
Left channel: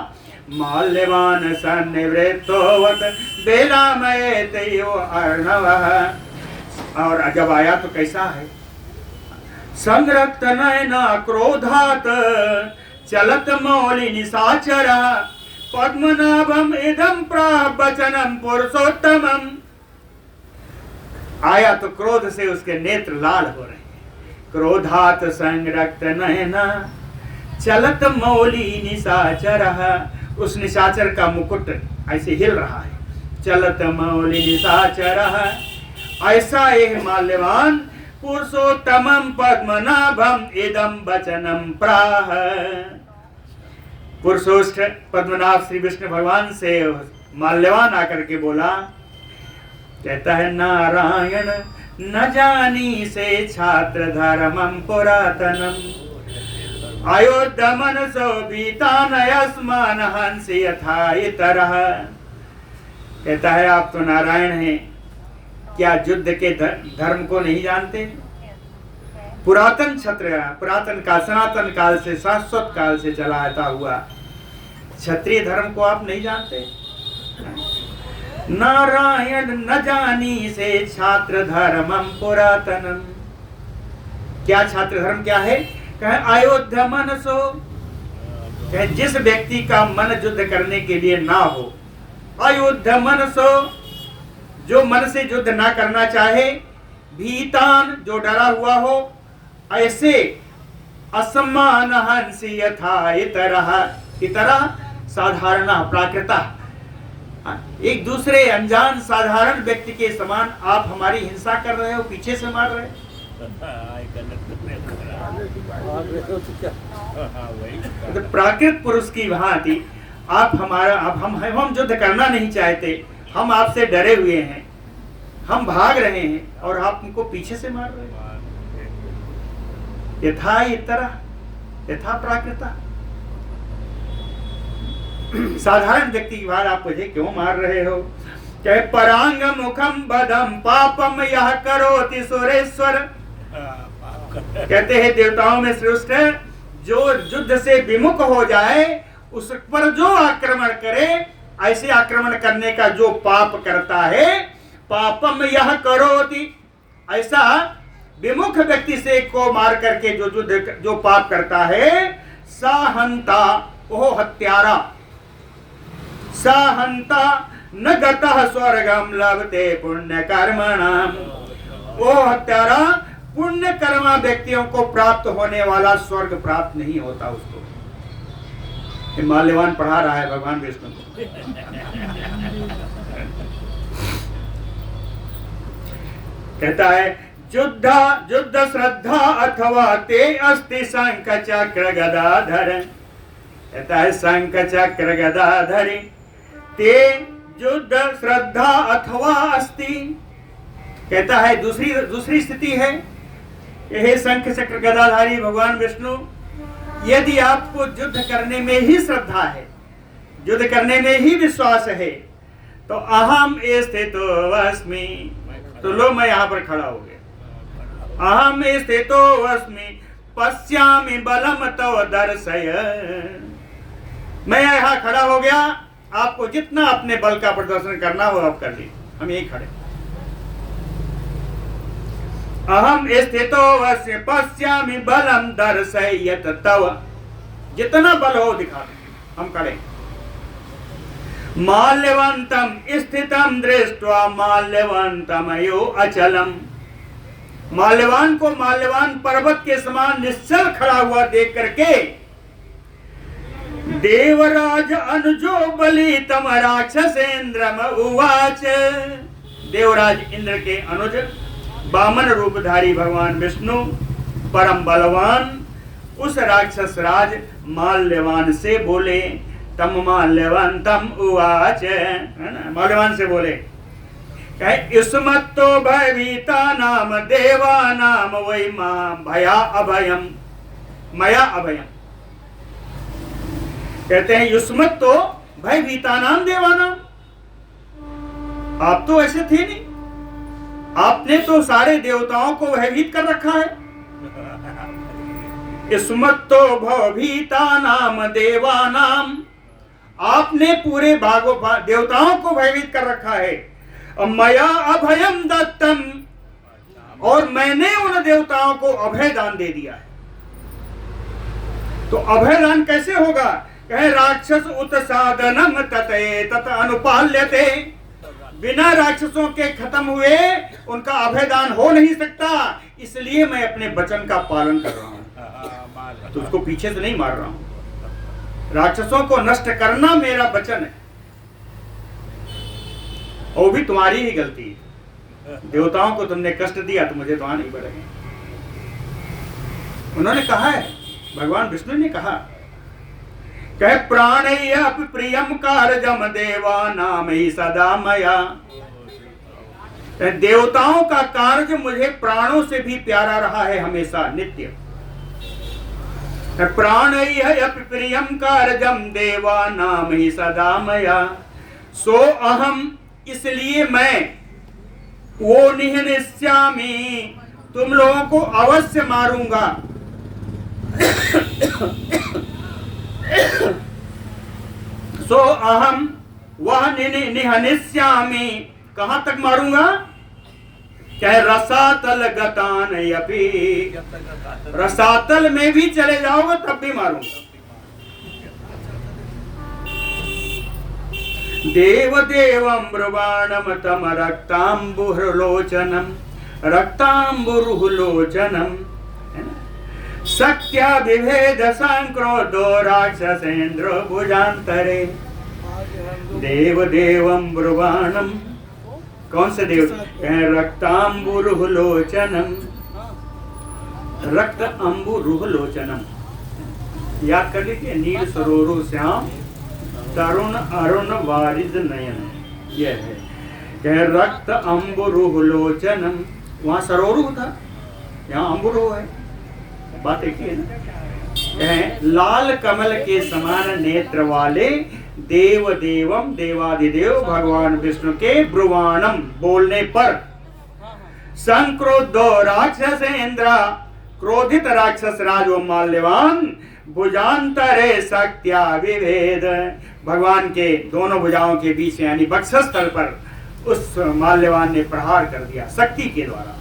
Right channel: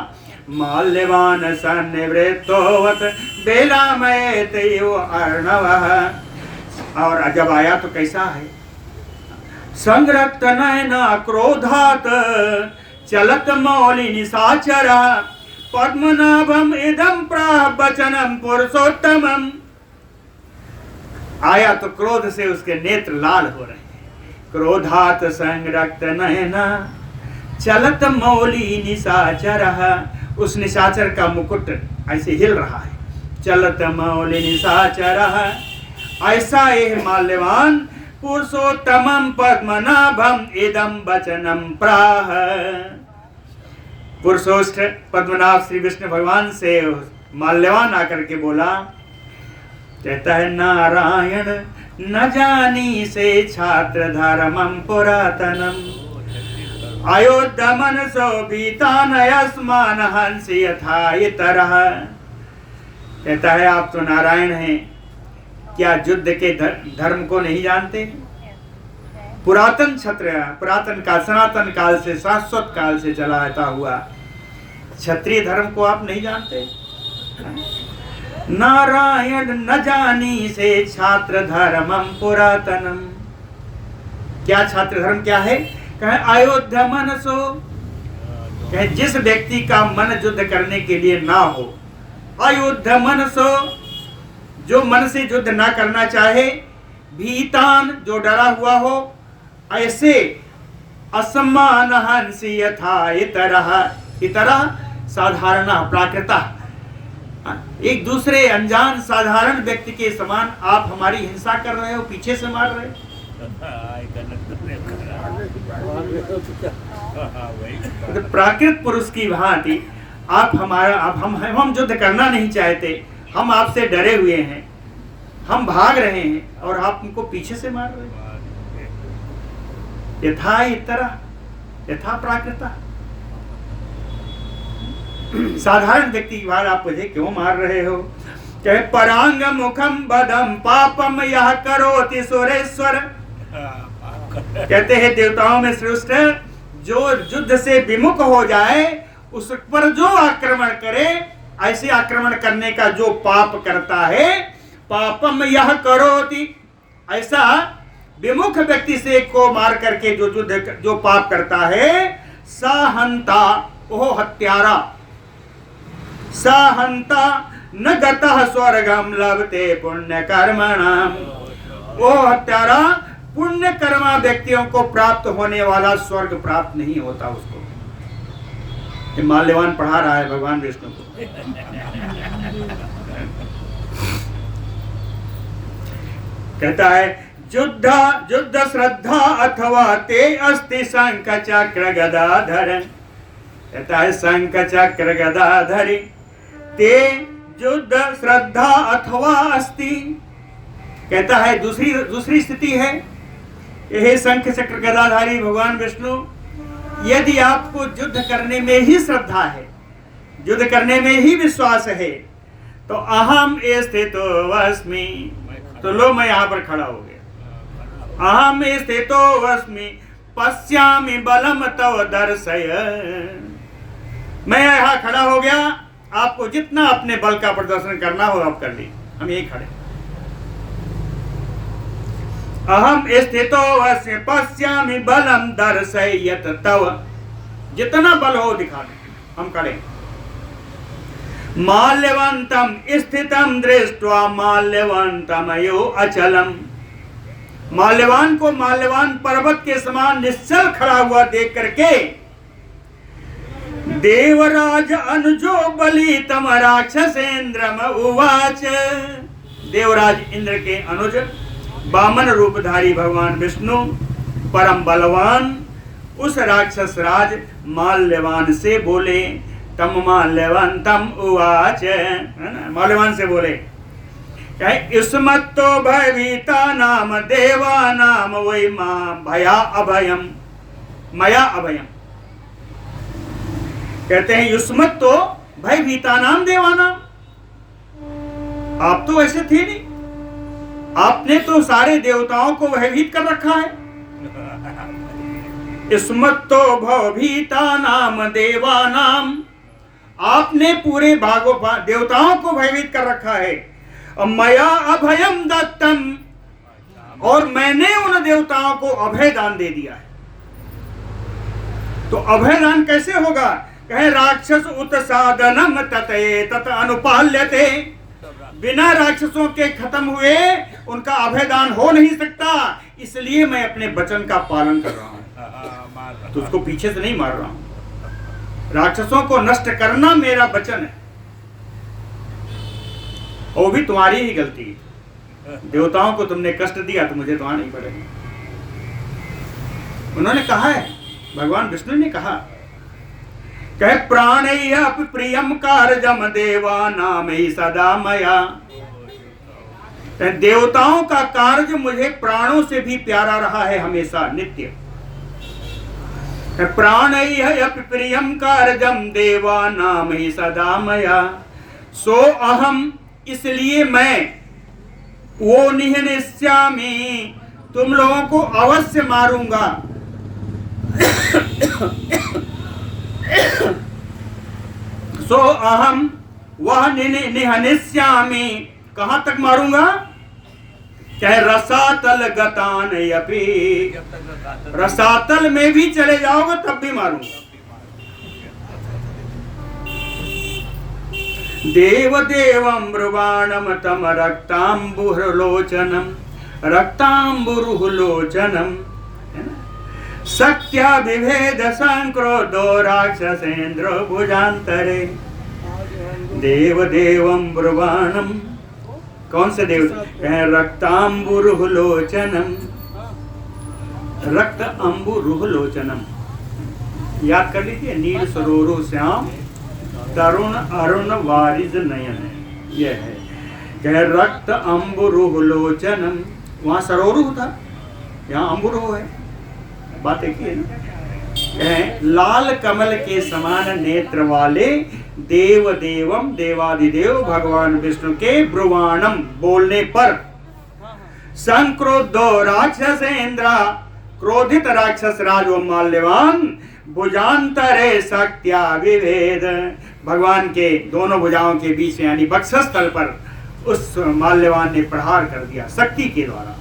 माल्यवान सन्निवृत्तोऽथ बेलामयेतैव अर्णवः। और जब आया तो कैसा है? संरक्त नयना क्रोधात चलत मौलि निशाचरः पद्मनाभम इदं प्राह वचनम पुरुषोत्तमम। आया तो क्रोध से उसके नेत्र लाल हो रहे हैं। क्रोधात संरक्त नयना चलत मौली निशाचरः। उस निशाचर का मुकुट ऐसे हिल रहा है। चलत मौली निशाचरः। ऐसा यह माल्यवान पुरुषोत्तमम पद्मनाभम इदं वचनम प्राह। पुरुषोत्त पद्मनाभ श्री विष्णु भगवान से माल्यवान आकर के बोला, कहता है नारायण न जानी से छात्र धर्मम पुरातनम अयोध्या मनसो बीतान यस्मान हंस यथा इतरः। कहता है आप तो नारायण हैं, क्या युद्ध के धर्म को नहीं जानते? पुरातन क्षत्रिय, पुरातन काल, सनातन काल से, शाश्वत काल से चला आता हुआ क्षत्रिय धर्म को आप नहीं जानते? नारायण न जानी से छात्र धर्मम पुरातनम। क्या छात्र धर्म क्या है? कहे अयोध्या मनसो। कहे जिस व्यक्ति का मन युद्ध करने के लिए ना हो। अयोध्या मनसो, जो मन से युद्ध ना करना चाहे। भीतान, जो डरा हुआ हो। ऐसे असमान हंसी यथा इतरः। इतरः साधारण, प्राकृता। एक दूसरे अनजान साधारण व्यक्ति के समान आप हमारी हिंसा कर रहे हो, पीछे से मार रहे हो। तो प्राकृत पुरुष की भांति आप हमारा, हम युद्ध करना नहीं चाहते, हम आपसे डरे हुए हैं, हम भाग रहे हैं और आप हमको पीछे से मार रहे हैं। यथा इतरः, यथा प्राकृता। साधारण व्यक्ति की बात आप मुझे क्यों मार रहे हो? चाहे परांग मुखम बदम पापम यह करोति सुरेश्वर। कहते हैं देवताओं में श्रेष्ठ जो युद्ध से विमुख हो जाए, उस पर जो आक्रमण करे, ऐसे आक्रमण करने का जो पाप करता है, पापम यह करोति। ऐसा विमुख व्यक्ति से को मार करके जो पाप करता है, साहंता, ओह हत्यारा। साहंता न गतः स्वर्गम लभते पुण्य कर्मणाम। वो हत्यारा पुण्य कर्मा व्यक्तियों को प्राप्त होने वाला स्वर्ग प्राप्त नहीं होता उसको। माल्यवान पढ़ा रहा है भगवान विष्णु को। कहता है युद्ध श्रद्धा अथवा ते अस्ति शंख चक्र गदाधर। कहता है शंख चक्र गदाधर ते युद्ध श्रद्धा अथवा अस्ति। कहता है दूसरी स्थिति है, यह शंख चक्र गदाधारी भगवान विष्णु, यदि आपको युद्ध करने में ही श्रद्धा है, युद्ध करने में ही विश्वास है, तो अहम स्थितो अस्मि। तो लो मैं यहाँ पर खड़ा हो गया। अहम स्थितो अस्मि पश्यामि बलम तव दर्शय। मैं यहाँ खड़ा हो गया, आपको जितना अपने बल का प्रदर्शन करना हो आप कर ली, हम यही खड़े। अहम स्थितो अस्मि पश्यामि बलम दर्शयत तव, जितना बल हो दिखा दे, हम खड़े। माल्यवंतम स्थितम दृष्ट्वा माल्यवंतमयो अचलम, माल्यवान को माल्यवान पर्वत के समान निश्चल खड़ा हुआ देख करके देवराज अनुजो बलि तम राक्षसेन्द्रम उवाच, देवराज इंद्र के अनुज वामन रूपधारी भगवान विष्णु परम बलवान उस राक्षस राज माल्यवान से बोले। तम माल्यवंतम उवाच, है ना, माल्यवान से बोले युष्मत्तो भयभीता नाम देवा नाम वै मां भया अभयम मया अभयम। कहते हैं युष्मत्तो भयभीता नाम देवा नाम, आप तो ऐसे थे नहीं, आपने तो सारे देवताओं को भयभीत कर रखा है। युष्मत्तो भयभीता नाम देवा नाम, आपने पूरे भागों देवताओं को भयभीत कर रखा है। मया अभयम दत्तम, और मैंने उन देवताओं को अभय दान दे दिया है। तो अभय दान कैसे होगा? कहे राक्षस उत्सादनम ततये तत अनुपाल्यते, बिना राक्षसों के खत्म हुए उनका अभय दान हो नहीं सकता, इसलिए मैं अपने वचन का पालन कर रहा हूं, तो उसको पीछे से नहीं मार रहा हूं। राक्षसों को नष्ट करना मेरा वचन है, वो भी तुम्हारी ही गलती है। देवताओं को तुमने कष्ट दिया तो मुझे तो आना ही पड़ेगा। उन्होंने कहा है, भगवान विष्णु ने कहा, कह प्राणेय प्रियम कारजम देवा नाम ही सदा मया, देवताओं का कार्य मुझे प्राणों से भी प्यारा रहा है हमेशा नित्य। प्राणेय प्रियम कारजम देवा नाम ही सदा मया, सो अहम, इसलिए मैं वो निहनिष्यामि, तुम लोगों को अवश्य मारूंगा। सो अहम, वह निहनिष्यामि, कहां तक मारूंगा? क्या रसातल गतान यपि, रसातल में भी चले जाओगे तब भी मारूंगा। देव देवं ब्रुवाणम तम रक्तांबुरुलोचनम, रक्तांबुरुलोचनम, सत्या विभेद संक्रोधो राक्षसेन्द्र भुजांतरे। देव देवं ब्रुवाणम, कौन से देव? रक्तांबुरुलोचनम, रक्त अंबुरुलोचनम, याद कर लीजिए, नील सरोरु श्याम तरुण अरुण वारिद नयन, यह है। कह रक्त अंबुरुलोचनम, वहां सरोरु था, यहाँ अंबुरु है, बात एक ही है ना। कह लाल कमल के समान नेत्र वाले देव देवम, देवादिदेव भगवान विष्णु के ब्रुवाणम, बोलने पर संक्रोधो राक्षसेन्द्र, क्रोधित राक्षस राज व माल्यवान, भुजांतरे शक्त्या विभेद, भगवान के दोनों भुजाओं के बीच यानी वक्षस्थल पर उस माल्यवान ने प्रहार कर दिया, शक्ति के द्वारा,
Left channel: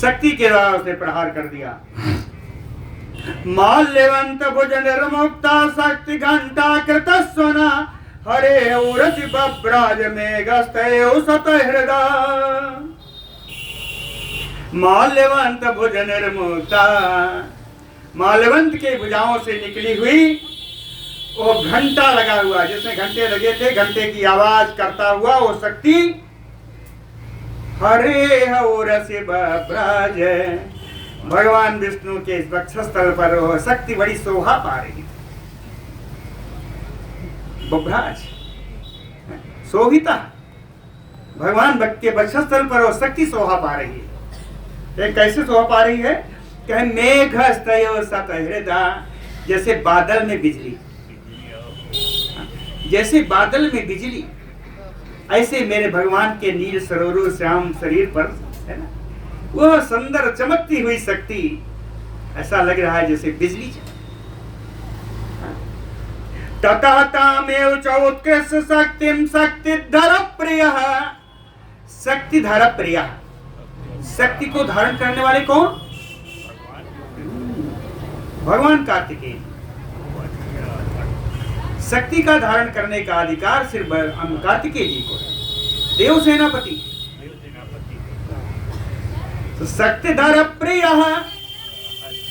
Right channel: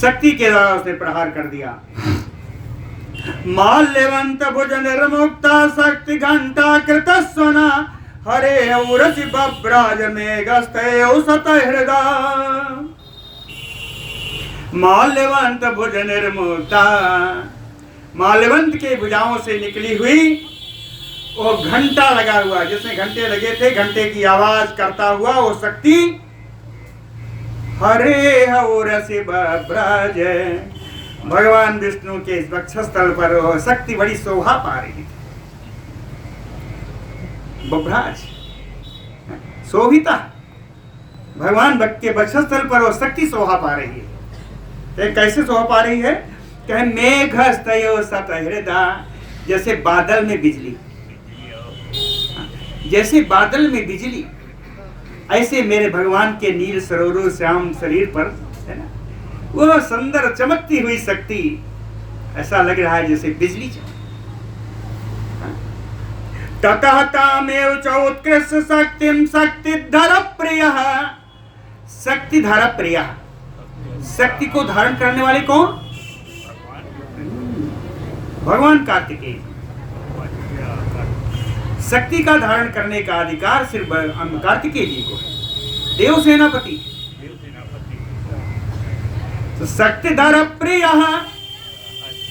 शक्ति के द्वारा उसने प्रहार कर दिया। माल्यवंत भुज निर्मुक्ता शक्ति घंटा कृतस्वना, हरे उरसि बब्राज में गस्तयो सत हृदय। माल्यवंत भुज निर्मुक्ता, माल्यवंत के भुजाओं से निकली हुई वो घंटा लगा हुआ, जिसमें घंटे लगे थे, घंटे की आवाज करता हुआ वो शक्ति, हरे हौरसि बब्राज, भगवान विष्णु के इस वक्षस्थल पर वो शक्ति बड़ी शोभा पा रही है। बब्राज शोभिता, भगवान के वक्षस्थल पर वो शक्ति शोभा पा रही है। कैसे शोभा पा रही है? कहे मेघस्तयो सत हृदय, जैसे बादल में बिजली, जैसे बादल में बिजली, ऐसे मेरे भगवान के नील सरोवर श्याम शरीर पर, है ना, वह सुंदर चमकती हुई शक्ति, ऐसा लग रहा है जैसे बिजली चमक। ततः तामेव च उत्कृष्ट शक्तिम शक्तिधर प्रिय। शक्तिधर प्रिय, शक्ति को धारण करने वाले कौन? भगवान कार्तिकेय। शक्ति का धारण करने का अधिकार सिर्फ कार्तिकेय जी को है, देव सेनापति। तो शक्तिधर प्रिय,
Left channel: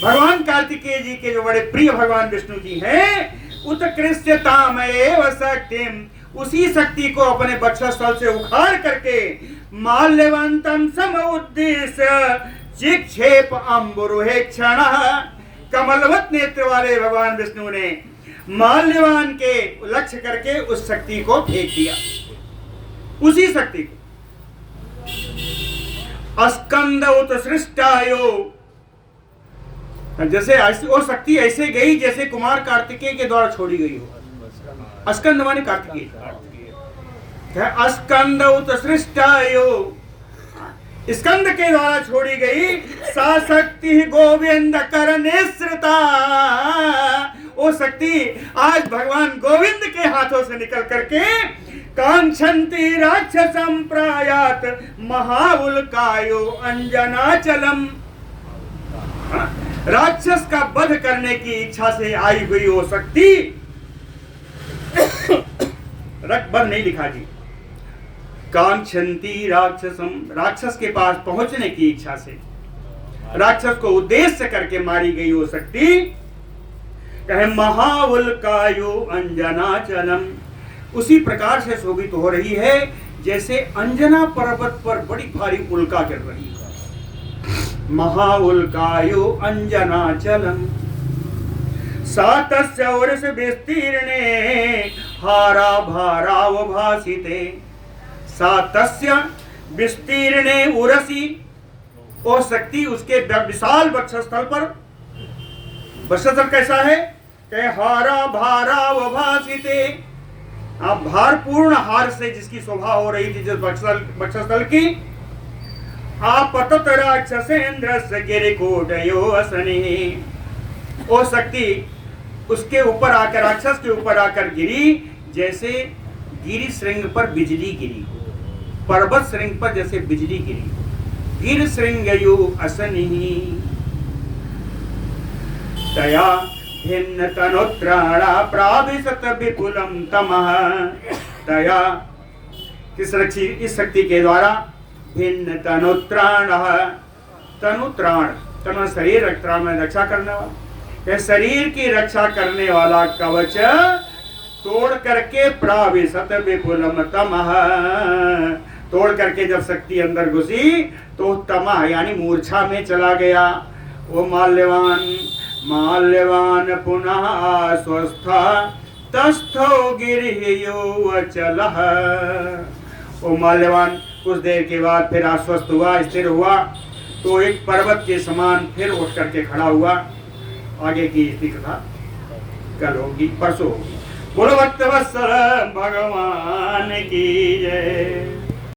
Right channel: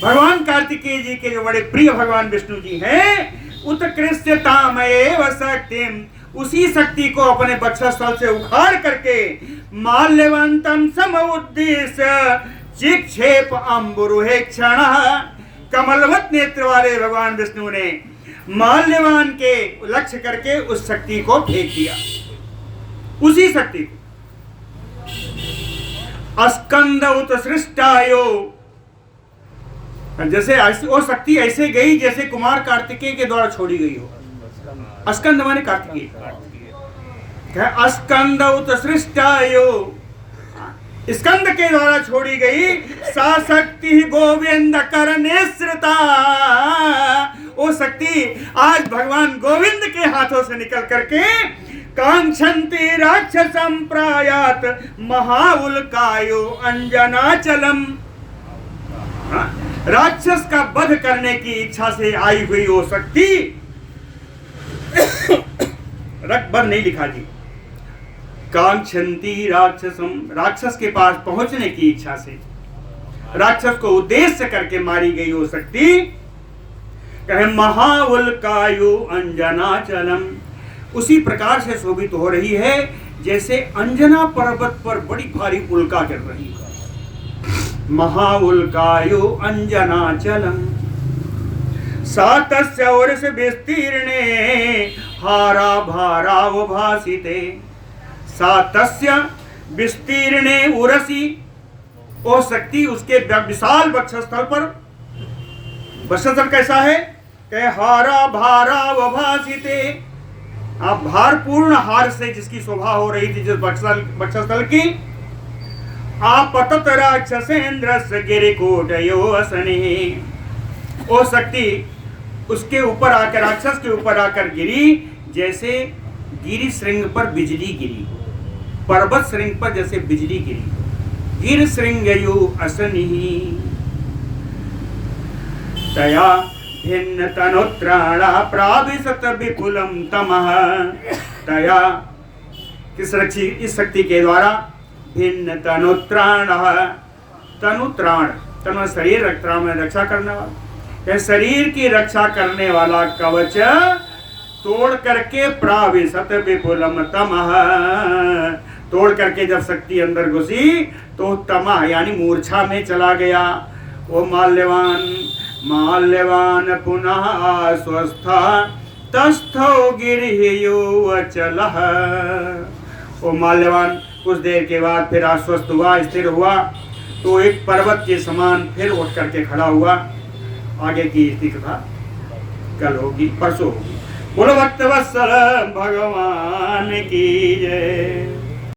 भगवान कार्तिकेय जी के जो बड़े प्रिय भगवान विष्णु जी हैं, उत्कृष्टतामेव शक्तिम, उसी शक्ति को अपने वक्षस्थल से उखाड़ करके माल्यवंतम समुद्देश्य चिक्षेप अम्बुरुहे क्षण, कमलवत नेत्र वाले भगवान विष्णु ने माल्यवान के लक्ष्य करके उस शक्ति को फेंक दिया। उसी शक्ति को अस्कंद उत्सृष्टायो, जैसे वो शक्ति ऐसे गई जैसे कुमार कार्तिकेय के द्वारा छोड़ी गई हो। अस्कंद माने कार्तिकेय। अस्कंद उत्सृष्टायो, स्कंद के द्वारा छोड़ी गई सा शक्ति गोविंद करने श्रिता, वो शक्ति आज भगवान गोविंद के हाथों से निकल करके कांक्षन्ति राक्षसं प्रायात महाउल्कायो अंजनाचलम, राक्षस का वध करने की इच्छा से आई हुई वो शक्ति, वध नहीं लिखा जी, कांक्षन्ति राक्षसम, राक्षस के पास पहुंचने की इच्छा से, राक्षस को उद्देश्य करके मारी गई वो शक्ति कहे महाउल्कायु अंजनाचलम, उसी प्रकार से शोभित हो रही है जैसे अंजना पर्वत पर बड़ी भारी उल्का गिर रही है। महाउल्कायु अंजनाचलम सातस्य वर्ष विस्तीर्णे हारा भारावभासिते, सातस्य विस्तीर्णे उरसी, ओ शक्ति उसके विशाल वक्षस्थल पर, वक्षस्थल कैसा है? हारा भारावभासिते, आप भारपूर्ण हार से जिसकी शोभा हो रही थी जिस वक्षस्थल की, आपतत राक्षसेन्द्रस्य गिरिकोटयो असने, वो शक्ति उसके ऊपर आकर, राक्षस के ऊपर आकर गिरी जैसे गिरि श्रृंग पर बिजली गिरी, पर्वत श्रृंग पर जैसे बिजली गिरी। गिर श्रृंगयो असनि तया भिन्न तनोत्राणा प्राविशत विपुलम तमः, तया किस रक्षी, इस शक्ति के द्वारा भिन्न तनुत्राण, तनुत्राण तनु शरीर त्राण में रक्षा करने वाला, यह शरीर की रक्षा करने वाला कवच तोड़ करके प्राविशत विपुलम तमः, तोड़ करके जब शक्ति अंदर घुसी तो तमः यानी मूर्छा में चला गया। वो माल्यवान पुनः आस्वस्था तस्थो गिरियो अचलः, वो माल्यवान कुछ देर के बाद फिर आश्वस्त हुआ, स्थिर हुआ, तो एक पर्वत के समान फिर उठ करके खड़ा हुआ। आगे की इसकी कथा कल होगी, परसों होगी। बोलो भक्तवत्सल भगवान की जय।